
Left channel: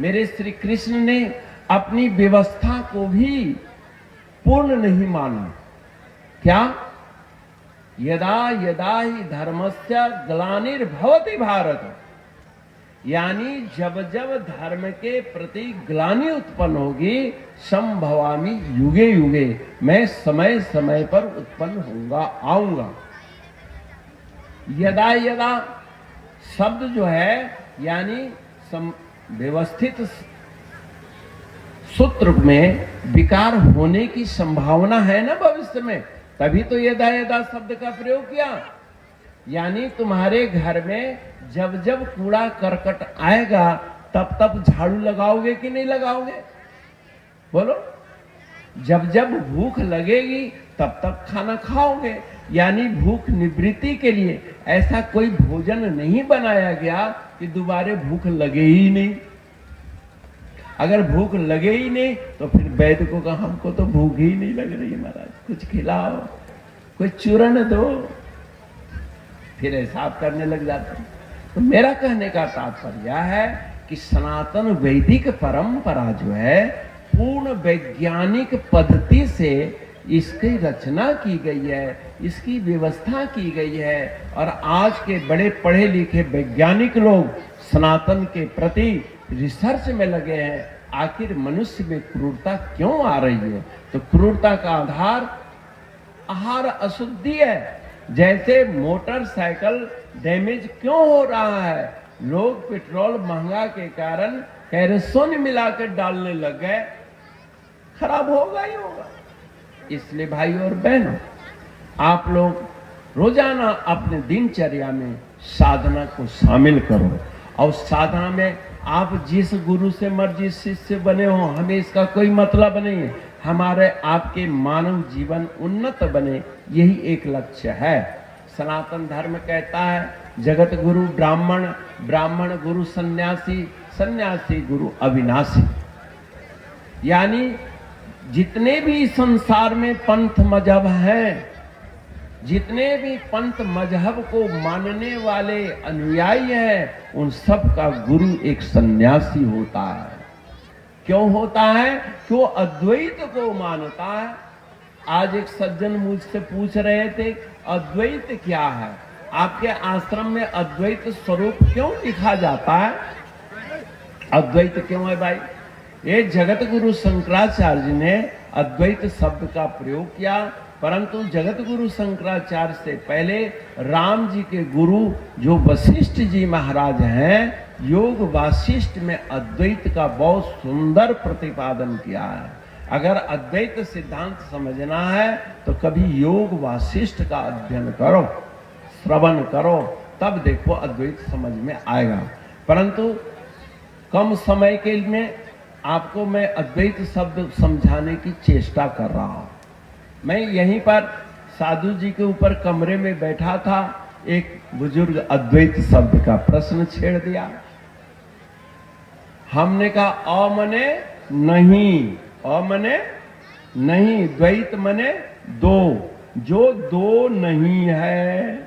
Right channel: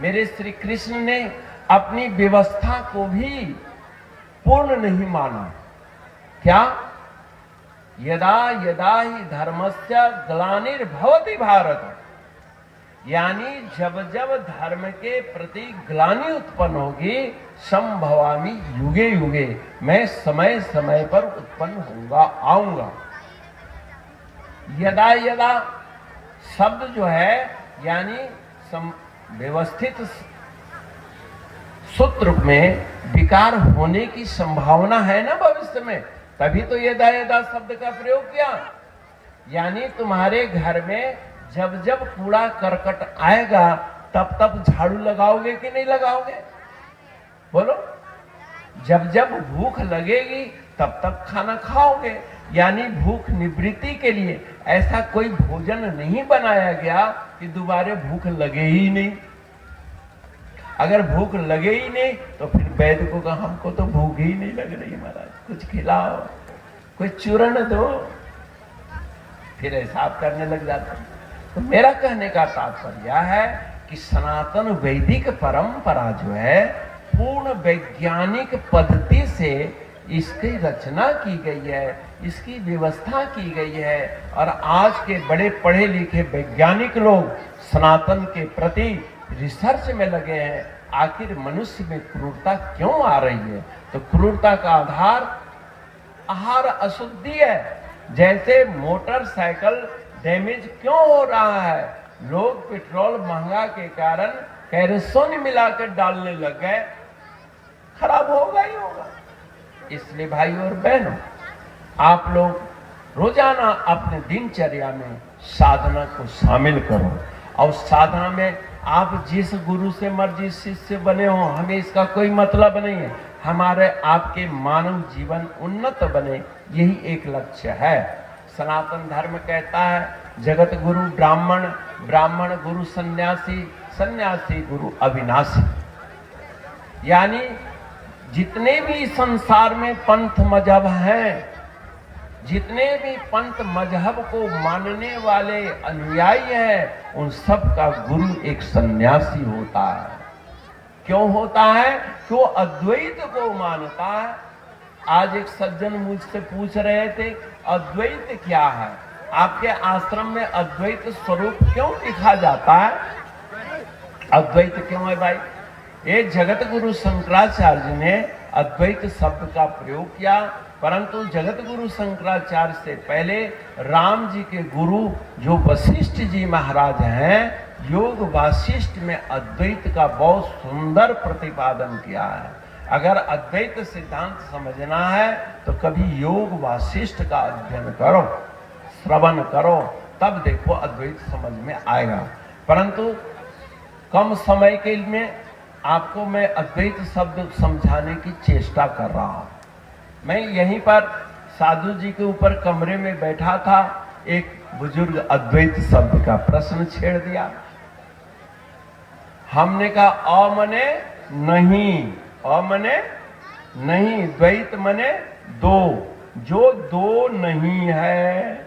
मेरे श्री कृष्ण ने अपनी व्यवस्था को भी पूर्ण नहीं माना। क्या? यदा यदा ही धर्मस्य ग्लानिर्भवति भारत, यानी जब जब धर्म के प्रति ग्लानि उत्पन्न होगी, संभवामि युगे युगे, मैं समय समय पर उत्पन्न होऊंगा, आऊंगा। यदा यदा शब्द जो है यानी व्यवस्थित सूत्र में विकार होने की संभावना है ना भविष्य में, तभी तो यदा यदा शब्द का प्रयोग किया। यानी तुम्हारे घर में जब जब कूड़ा करकट आएगा तब तब झाड़ू लगाओगे कि नहीं लगाओगे? बोलो। जब जब भूख लगेगी तब तक खाना खाओगे। यानी भूख निवृत्ति के लिए ऐसा कोई भोजन नहीं बनाया गया कि दोबारा भूख लगे ही नहीं। अगर भूख लगे ही नहीं तो फिर वैद्य को कहा हमको तो भूख ही नहीं लग रही महाराज, कुछ खिलाओ, कोई चूर्ण दो, फिर हिसाब करने लग जाते हैं। तो मेरा कहने का तात्पर्य है कि सनातन वैदिक परंपरा जो है पूर्ण वैज्ञानिक पद्धति से इसकी रचना की गई है, इसकी व्यवस्था की गई है। और आज के बड़े पढ़े लिखे वैज्ञानिक लोग सनातन के प्रति रिसर्च में लगे हैं। आखिर मनुष्य में क्रूरता क्यों आ रही है? तो क्रूरता का आधार आहार अशुद्धि है। जैसे मोटरसाइकिल डैमेज क्यों हो रहा है? लोग पेट्रोल महंगा के कारण कैरोसिन मिलाकर डालने लग गए, खराब होगा ही होगा। इसलिए भाई और बहनों, आप लोग रोजाना अपने दिनचर्या में साधना को शामिल करो। और साधना में आप जिस गुरु से मर्जी शिष्य बने हो, हमें इसका कोई मतलब नहीं है। हमारे आपके मानव जीवन उन्नत बने, यही एक लक्ष्य है। सनातन धर्म कहता है जगत गुरु ब्राह्मण, ब्राह्मण गुरु सन्यासी, सन्यासी गुरु अविनाशी। यानी जितने भी संसार में पंथ मजहब हैं, जितने भी पंथ मजहब को मानने वाले अनुयायी हैं, उन सब का गुरु एक सन्यासी होता है। क्यों होता है? क्यों? अद्वैत को मानता है। आज एक सज्जन मुझसे पूछ रहे थे अद्वैत क्या है? आपके आश्रम में अद्वैत स्वरूप क्यों लिखा जाता है? अद्वैत क्यों है भाई? ये जगत गुरु शंकराचार्य ने अद्वैत शब्द का प्रयोग किया, परंतु जगत गुरु शंकराचार्य से पहले राम जी के गुरु जो वशिष्ठ जी महाराज हैं, योग वासिष्ठ में अद्वैत का बहुत सुंदर प्रतिपादन किया है। अगर अद्वैत सिद्धांत समझना है तो कभी योग वासिष्ठ का अध्ययन करो, श्रवण करो, तब देखो अद्वैत समझ में आएगा। परंतु कम समय के लिए आपको मैं अद्वैत शब्द समझाने की चेष्टा कर रहा हूं। मैं यहीं पर साधु जी के ऊपर कमरे में बैठा था, एक बुजुर्ग अद्वैत शब्द का प्रश्न छेड़ दिया। हमने कहा अ मने नहीं, अ मने नहीं, द्वैत मने दो, जो दो नहीं है।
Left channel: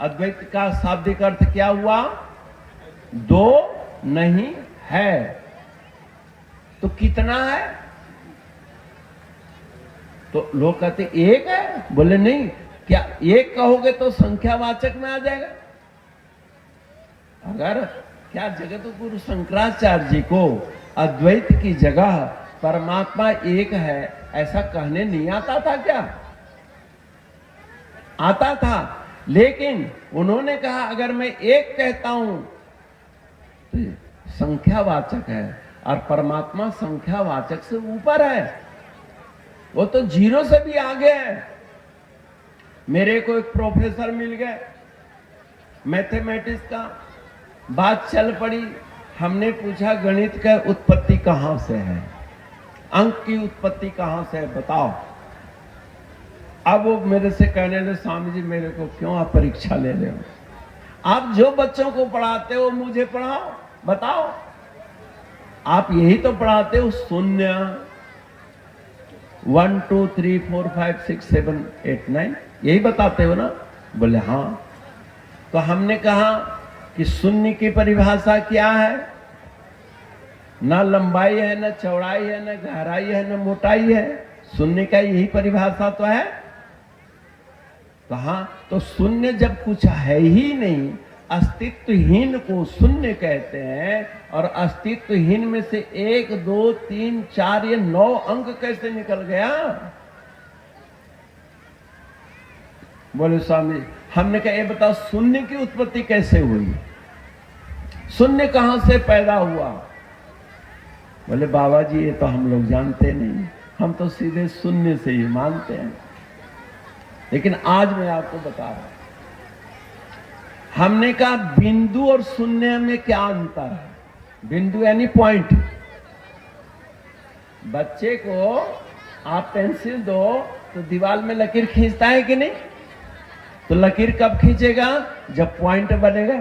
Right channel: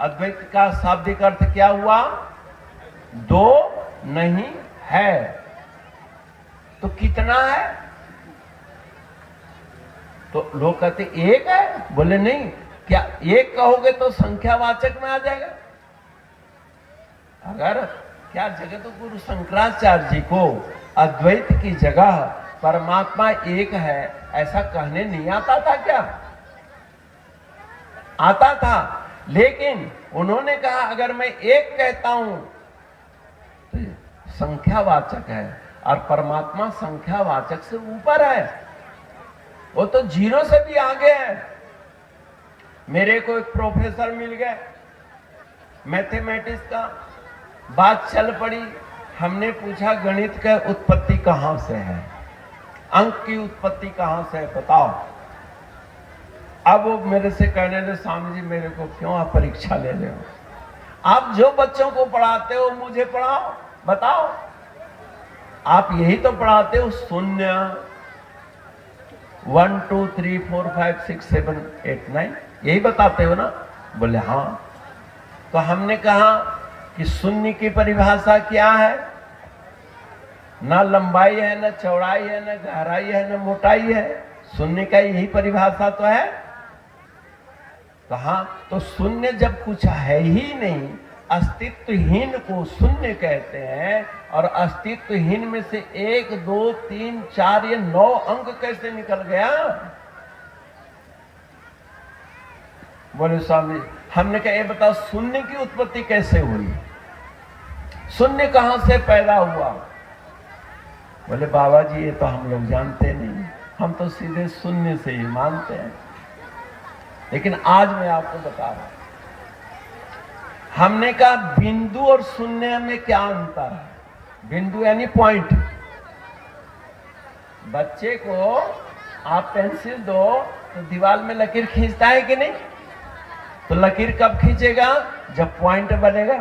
अद्वैत का शाब्दिक अर्थ क्या हुआ? दो नहीं है। तो कितना है? तो लोग कहते एक है, बोले नहीं। क्या एक कहोगे तो संख्यावाचक में आ जाएगा? अगर क्या जगत गुरु शंकराचार्य जी को अद्वैत की जगह परमात्मा एक है ऐसा कहने नहीं आता था क्या? आता था, लेकिन उन्होंने कहा अगर मैं एक कहता हूं तो संख्यावाचक है और परमात्मा संख्यावाचक से ऊपर है, वो तो जीरो से भी आगे है। मेरे को एक प्रोफेसर मिल गए मैथमेटिक्स का, बात चल पड़ी, हमने पूछा गणित का उत्पत्ति कहां से है, अंक की उत्पत्ति कहां से है बताओ। अब वो मेरे से कहने लगे स्वामी जी मेरे को क्यों आप परीक्षा ले रहे हो, आप जो बच्चों को पढ़ाते हो मुझे पढ़ाओ, बताओ। आप यही तो पढ़ाते हो शून्य, 1 2 3 4 5 6 7 8 9 यही बताते हो ना? बोले हाँ। तो हमने कहा कि शून्य की परिभाषा क्या है? ना लंबाई है, ना चौड़ाई है, ना गहराई है, ना मोटाई है, शून्य का यही परिभाषा तो है। कहा तो शून्य जब कुछ है ही नहीं, अस्तित्वहीन को शून्य कहते हैं, और अस्तित्वहीन में से 1 2 3 4 ये 9 अंक कैसे निकल गया? बोले स्वामी, हमने कहा ये बताओ शून्य की उत्पत्ति कैसे हुई, शून्य कहां से पैदा हुआ? बोले बाबा जी ये तो हम लोग जानते नहीं, हम तो सीधे शून्य से ही मानते हैं। लेकिन आज मैं आपको बता रहा हूं, हमने कहा बिंदु और शून्य में क्या अंतर है? बिंदु यानी पॉइंट। बच्चे को आप पेंसिल दो तो दीवार में लकीर खींचता है कि नहीं? तो लकीर कब खींचेगा? जब पॉइंट बनेगा।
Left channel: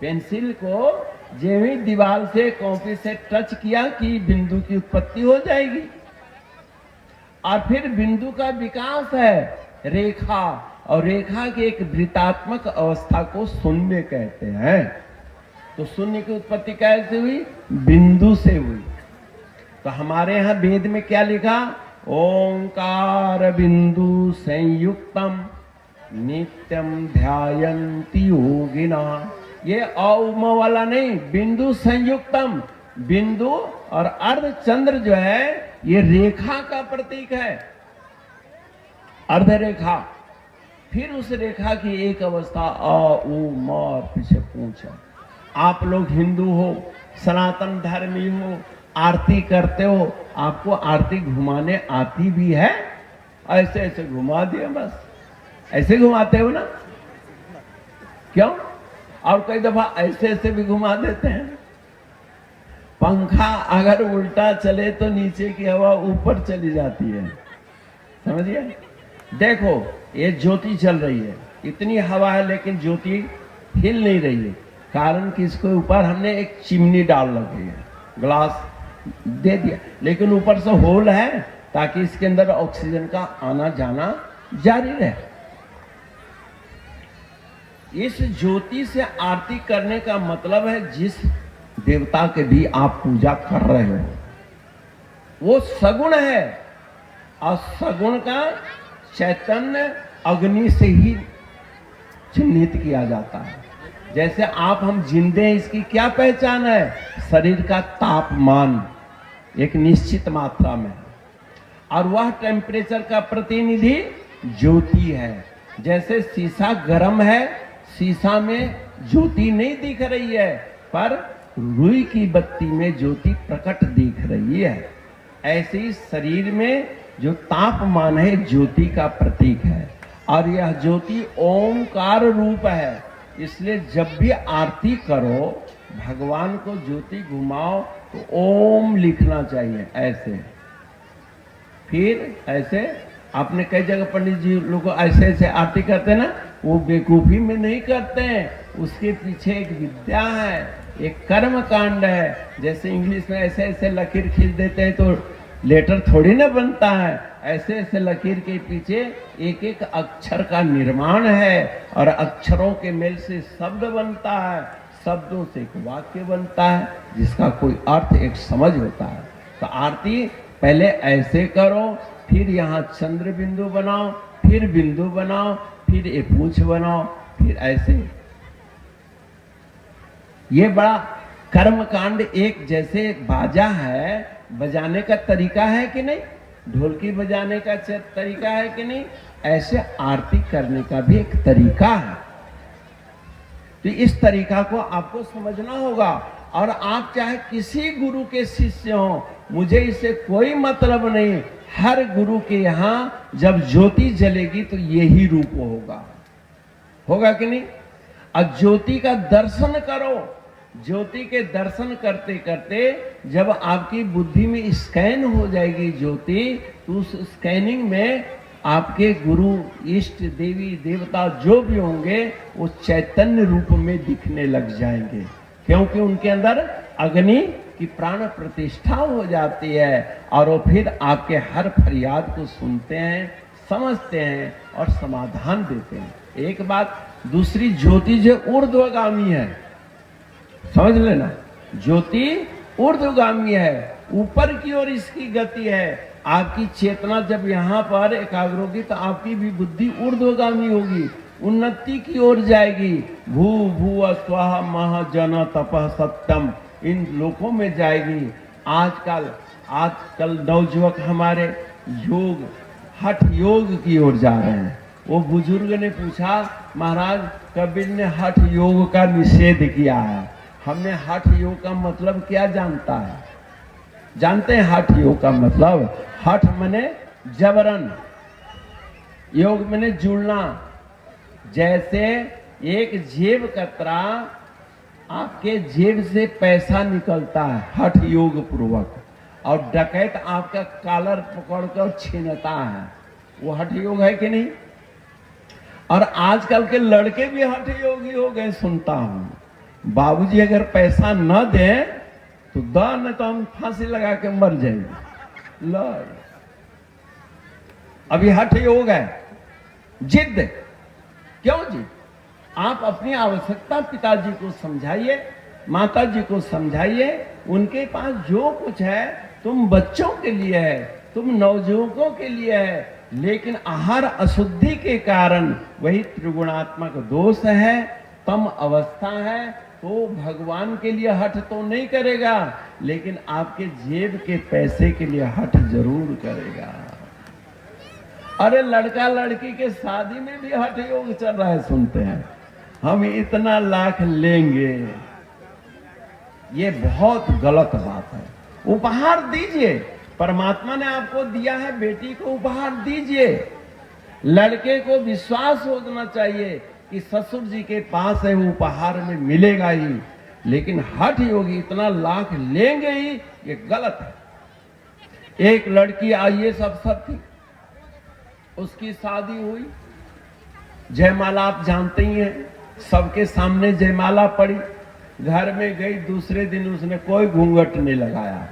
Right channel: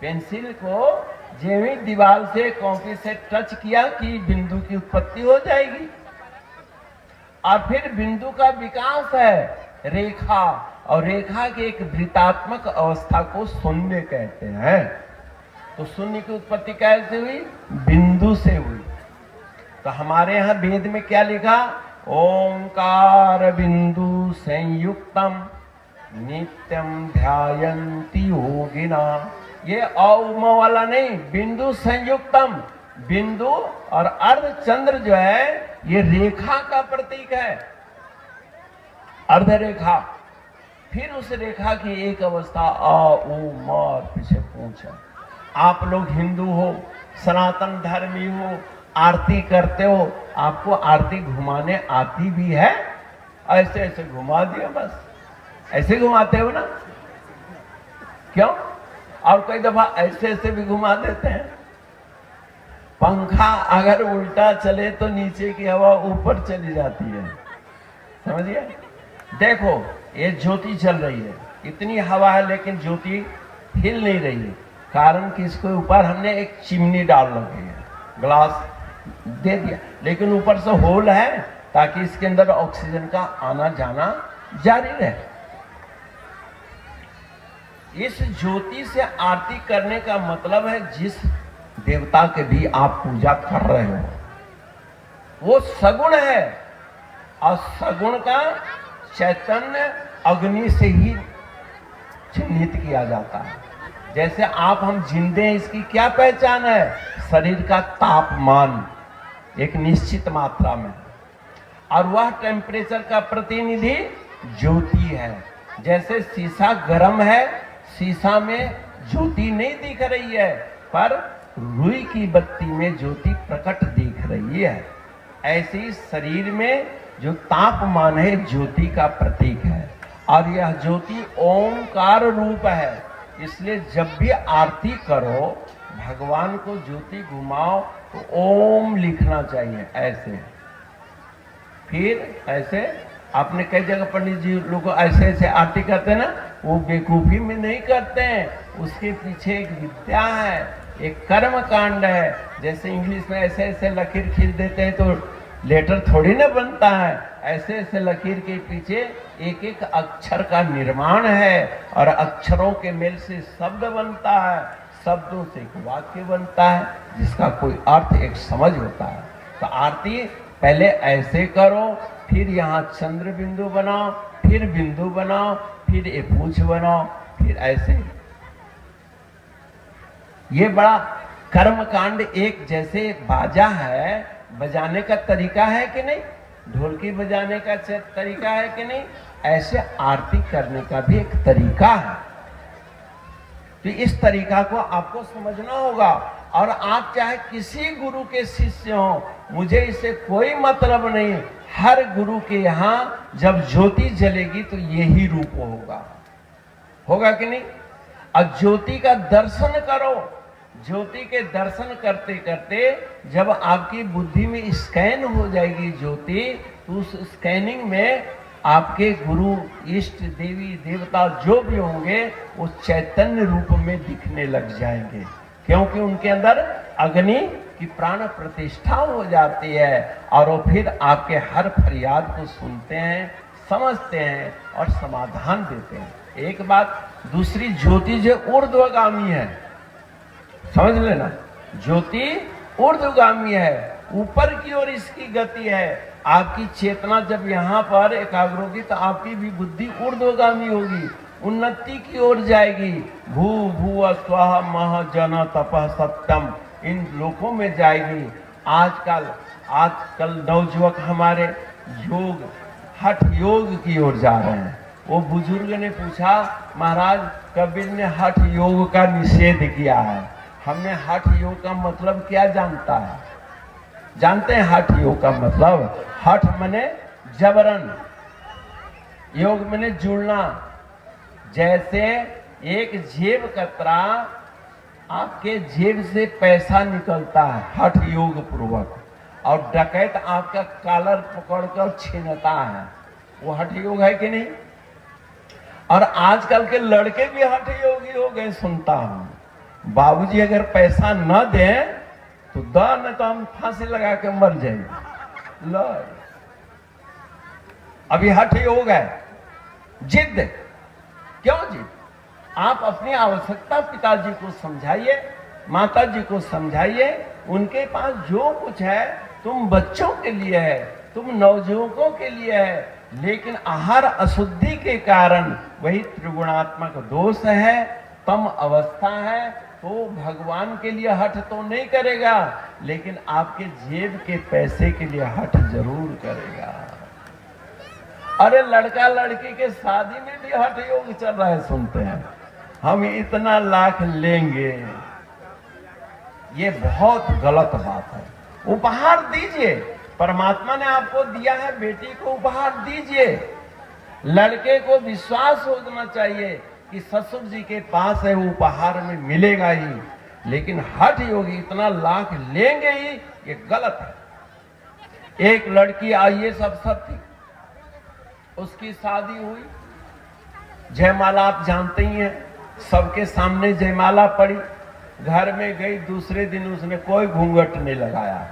पेंसिल को जो ही दीवार से कॉपी से टच किया कि बिंदु की उत्पत्ति हो जाएगी। और फिर बिंदु का विकास है रेखा, और रेखा की एक वृत्तात्मक अवस्था को शून्य कहते हैं। तो शून्य की उत्पत्ति कैसे हुई? बिंदु से हुई। तो हमारे यहाँ वेद में क्या लिखा? ओंकार बिंदु संयुक्तम नित्यम ध्यायन्ति योगिना। ये औम वाला नहीं, बिंदु संयुक्तम। बिंदु और अर्धचंद्र जो है ये रेखा का प्रतीक है, अर्ध रेखा। फिर उस रेखा की एक अवस्था आ ओ मा पीछे पूछो। आप लोग हिंदू हो, सनातन धर्मी हो, आरती करते हो, आपको आरती घुमाने आती भी है? ऐसे ऐसे घुमा दिया बस, ऐसे घुमाते हो ना? क्यों? और कई दफा ऐसे ऐसे भी घुमा देते हैं। पंखा अगर उल्टा चले तो नीचे की हवा ऊपर चली जाती है, समझिए। देखो ये ज्योति चल रही है, इतनी हवा है लेकिन ज्योति हिल नहीं रही है। कारण कि इसके ऊपर हमने एक चिमनी डाल रखी है, ग्लास दे दिया, लेकिन ऊपर से होल है ताकि इसके अंदर ऑक्सीजन का आना जाना जारी रहे। इस ज्योति से आरती करने का मतलब है जिस देवता के भी आप पूजा कर रहे हो वो सगुण है, और सगुण का चैतन्य अग्नि से ही चिन्हित किया जाता है। जैसे आप हम जिंदे हैं, इसकी क्या पहचान है? शरीर का तापमान एक निश्चित मात्रा में, और वह टेम्परेचर का प्रतिनिधि ज्योति है। जैसे शीशा गर्म है, शीशा में ज्योति नहीं दिख रही है, पर रुई की बत्ती में ज्योति प्रकट दिख रही है। ऐसे ही शरीर में जो तापमान है ज्योति का प्रतीक है, और यह ज्योति ओंकार रूप है। इसलिए जब भी आरती करो, भगवान को ज्योति घुमाओ तो ओम लिखना चाहिए ऐसे। फिर ऐसे आपने कई जगह पंडित जी लोग ऐसे ऐसे आरती करते हैं ना, वो बेवकूफी में नहीं करते हैं, उसके पीछे एक विद्या है, एक कर्म कांड है। जैसे इंग्लिश में ऐसे ऐसे लकीर खींच देते हैं तो लेटर थोड़ी ना बनता है, ऐसे ऐसे लकीर के पीछे एक एक अक्षर का निर्माण है, और अक्षरों के मेल से शब्द बनता है, शब्दों से एक वाक्य बनता है जिसका कोई अर्थ एक समझ होता है। तो आरती पहले ऐसे करो, फिर यहाँ चंद्र बिंदु बनाओ, फिर बिंदु बनाओ, फिर एक पूछ बनाओ, फिर ऐसे। ये बड़ा कर्म कांड एक जैसे बाजा है, बजाने का तरीका है कि नहीं, ढोलकी बजाने का तरीका है कि नहीं, ऐसे आरती करने का भी एक तरीका है। तो इस तरीका को आपको समझना होगा। और आप चाहे किसी गुरु के शिष्य हो, मुझे इससे कोई मतलब नहीं, हर गुरु के यहाँ जब ज्योति जलेगी तो यही रूप होगा कि नहीं। अब ज्योति का दर्शन करो, ज्योति के दर्शन करते करते जब आपकी बुद्धि में स्कैन हो जाएगी ज्योति, तो उस स्कैनिंग में आपके गुरु, इष्ट, देवी देवता जो भी होंगे वो चैतन्य रूप में दिखने लग जाएंगे, क्योंकि उनके अंदर अग्नि की प्राण प्रतिष्ठा हो जाती है और वो फिर आपके हर फरियाद को सुनते हैं, समझते हैं और समाधान देते हैं। एक बात, दूसरी ज्योति जो ऊर्ध्वगामी है, समझ लेना, ज्योति ऊर्ध्वगामी है, ऊपर की ओर इसकी गति है। आपकी चेतना जब यहाँ पर एकाग्र होगी तो आपकी भी बुद्धि ऊर्ध्वगामी होगी, उन्नति की ओर जाएगी। भू भुव स्वः मह जन तपः सत्यम, इन लोकों में जाएगी। आजकल नवजुवक हमारे योग, हठ योग की ओर जा रहे हैं। वो बुजुर्ग ने पूछा, महाराज कबीर ने हठ योग का निषेध किया है, हमने हठ योग का मतलब क्या जानता है? जानते हैं हठ योग का मतलब? हठ माने जबरन, योग माने जुड़ना। जैसे एक जेब कतरा आपके जेब से पैसा निकलता है हठ योग पूर्वक, और डकैत आपका कॉलर पकड़कर छीनता है, वो हठ योग है कि नहीं? और आजकल के लड़के भी हठ योगी हो गए, सुनता हूं। बाबूजी अगर पैसा न दे तो न तो हम फांसी लगा के मर जाएंगे। लो, अभी हठ योग है, जिद। क्यों जी? आप अपनी आवश्यकता पिताजी को समझाइए, माता जी को समझाइए, उनके पास जो कुछ है तुम बच्चों के लिए है, तुम नवजुवकों के लिए है, लेकिन आहार अशुद्धि के कारण वही त्रिगुणात्मक दोष है, तम अवस्था है, तो भगवान के लिए हठ तो नहीं करेगा, लेकिन आपके जेब के पैसे के लिए हठ जरूर करेगा। अरे लड़का लड़की के शादी में भी हठ योग चल रहा है, सुनते हैं, हम इतना लाख लेंगे, ये बहुत गलत बात है। उपहार दीजिए, परमात्मा ने आपको दिया है, बेटी को उपहार दीजिए। लड़के को विश्वास होना चाहिए कि ससुर जी के पास है, उपहार में मिलेगा ही, लेकिन हठ योगी इतना लाख लेंगे ही, ये गलत है। एक लड़की IAS अफसर थी, उसकी शादी हुई, जयमाला आप जानते ही हैं, सबके सामने जयमाला पड़ी, घर में गई, दूसरे दिन उसने कोई घूंघट नहीं लगाया।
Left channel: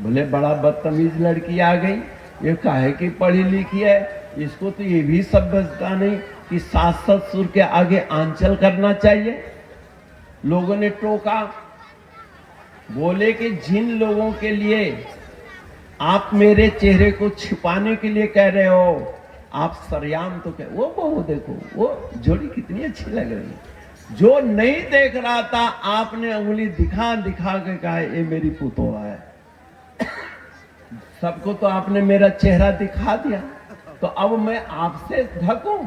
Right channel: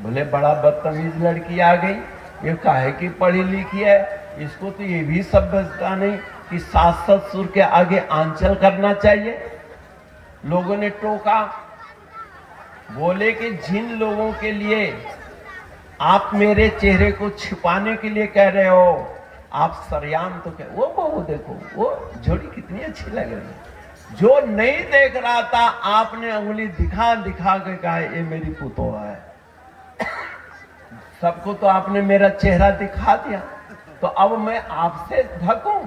बोले बड़ा बदतमीज लड़की आ गई, ये काहे की पढ़ी लिखी है, इसको तो ये भी समझता नहीं कि सास ससुर के आगे आंचल करना चाहिए। लोगों ने टोका, बोले कि जिन लोगों के लिए आप मेरे चेहरे को छिपाने के लिए कह रहे हो, आप सरेआम तो कह, वो देखो, वो जोड़ी कितनी अच्छी लग रही है। जो नहीं देख रहा था, आपने उंगली दिखा दिखा के कहा ये मेरी पुतोह है। सबको तो आपने मेरा चेहरा दिखा दिया, तो अब मैं आपसे ढकूं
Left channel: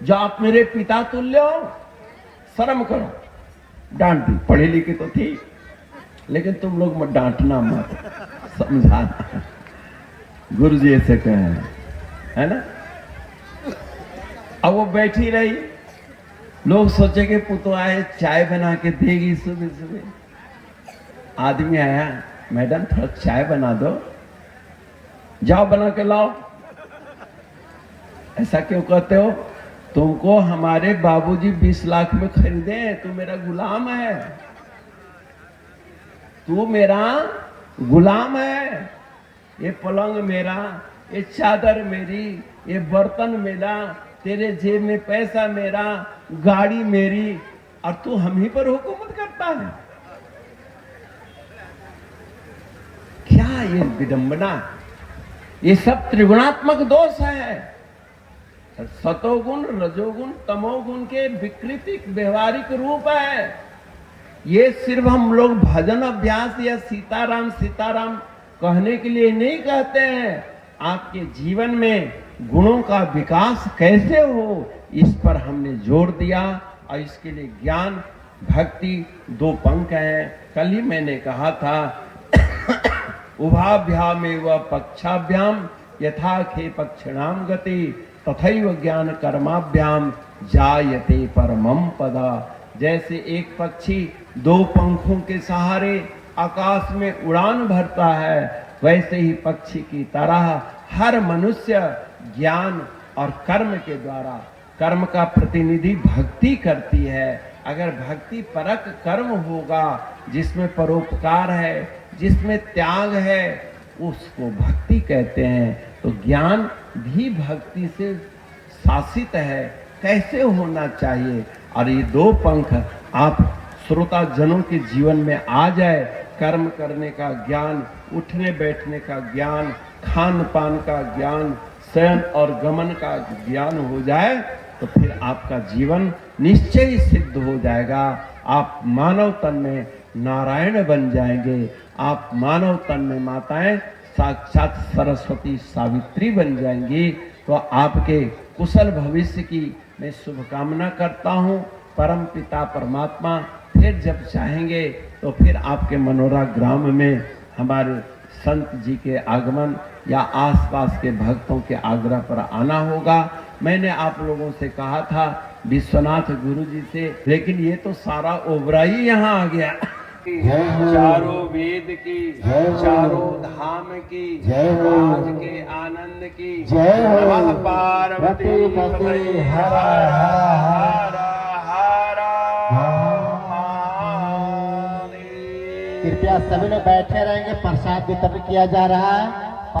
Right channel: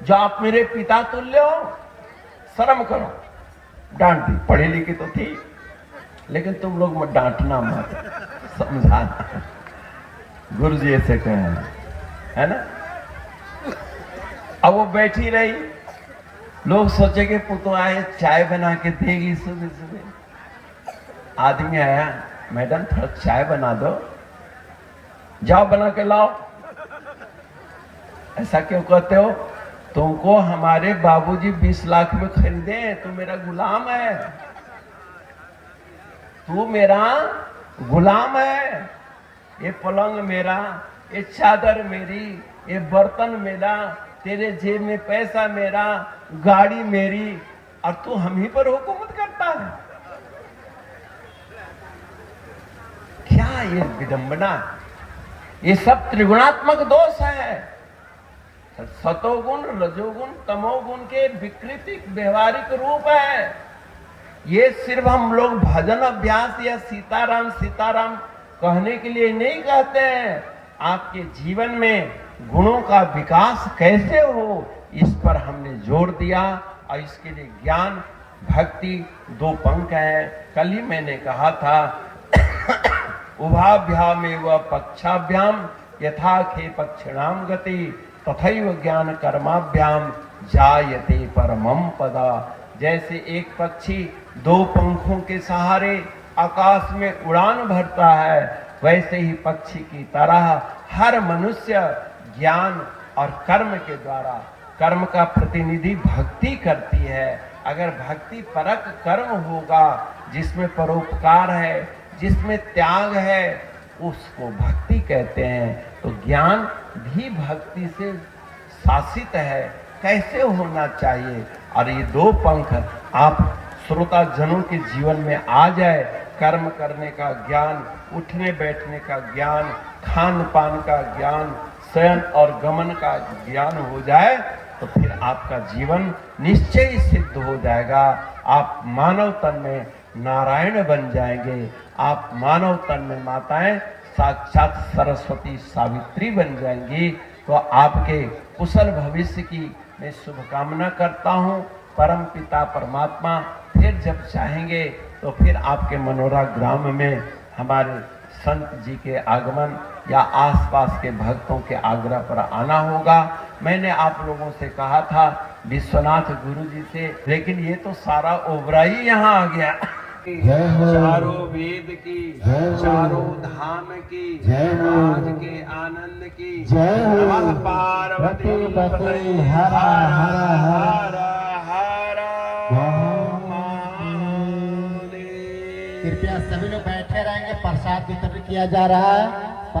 जो आप मेरे पिता तुल्य हो? शर्म करो। डांट दी, पढ़ी लिखी तो थी, लेकिन तुम लोग मत डांटना, मत समझाना, गुरु जी ऐसे कहे, है ना। अब वो बैठी रही, लोग सोचे कि पुतोह आए चाय बना के देगी सुबह सुबह। आदमी आया, मैडम थोड़ा चाय बना दो, जाओ बना के लाओ। ऐसा क्यों कहते हो? तुमको हमारे बाबूजी 20 लाख में खरीदे, तू मेरा गुलाम है, तू मेरा गुलाम है। ये पलंग मेरा, ये चादर मेरी, ये बर्तन मेरा, तेरे जेब में पैसा मेरा, गाड़ी मेरी, और तू हम ही पर हुकूमत करता है। क्या ये विडंबना! ये सब त्रिगुणात्मक दोष है। सतोगुण, रजोगुण, तमोगुण के विकृति व्यवहारिक रूप है। ये सिर्फ हम लोग भजन अभ्यास या सीताराम सीताराम कहने के लिए नहीं कहते हैं। आपके जीवन में गुणों का विकास कैसे हो, इस पर हमने जोर दिया और इसके लिए ज्ञान भक्ति दो पंख है। कल ही मैंने कहा था उभाभ्याम एवं पक्षाभ्याम यथा खे पक्षिणाम गति तथैव ज्ञान कर्माभ्याम जायते परमम पदा। जैसे एक पक्षी दो पंखों के सहारे आकाश में उड़ान भरता है, वैसे ही पक्षी की तरह हर मनुष्य ज्ञान और कर्म के द्वारा, कर्म का प्रतिनिधि भक्ति करती है। अगर भक्ति परक कर्म होगा जिसमें परोपकार है, जिसमें त्याग है, उसको भक्ति कहते हैं। तो ज्ञान भी भक्ति से शासित है, कैसे होना चाहिए। और ये दो पंख आप श्रोता जनों के जीवन में आ जाए, कर्म करने का ज्ञान, उठने बैठने का ज्ञान, खान पान का ज्ञान, शयन और गमन का ज्ञान हो जाए, तो फिर आपका जीवन निश्चय ही सिद्ध हो जाएगा। आप मानव तन में नारायण बन जाएंगे, आप मानव तन में माताएं साक्षात सरस्वती सावित्री बन जाएंगी। तो आपके कुशल भविष्य की मैं शुभकामना करता हूँ। परम पिता परमात्मा फिर जब चाहेंगे तो फिर आपके मनोरा ग्राम में हमारे संत जी के आगमन या आसपास के भक्तों के आग्रह पर आना होगा। मैंने आप लोगों से कहा था विश्वनाथ गुरु जी से, लेकिन ये तो सारा ओबरा ही यहाँ आ गया। चारों वेद की, चारों धाम की, आज के आनंद की, पार्वती कृपया सभी लोग बैठे रहेंगे, प्रसाद वितरण किया जा रहा है।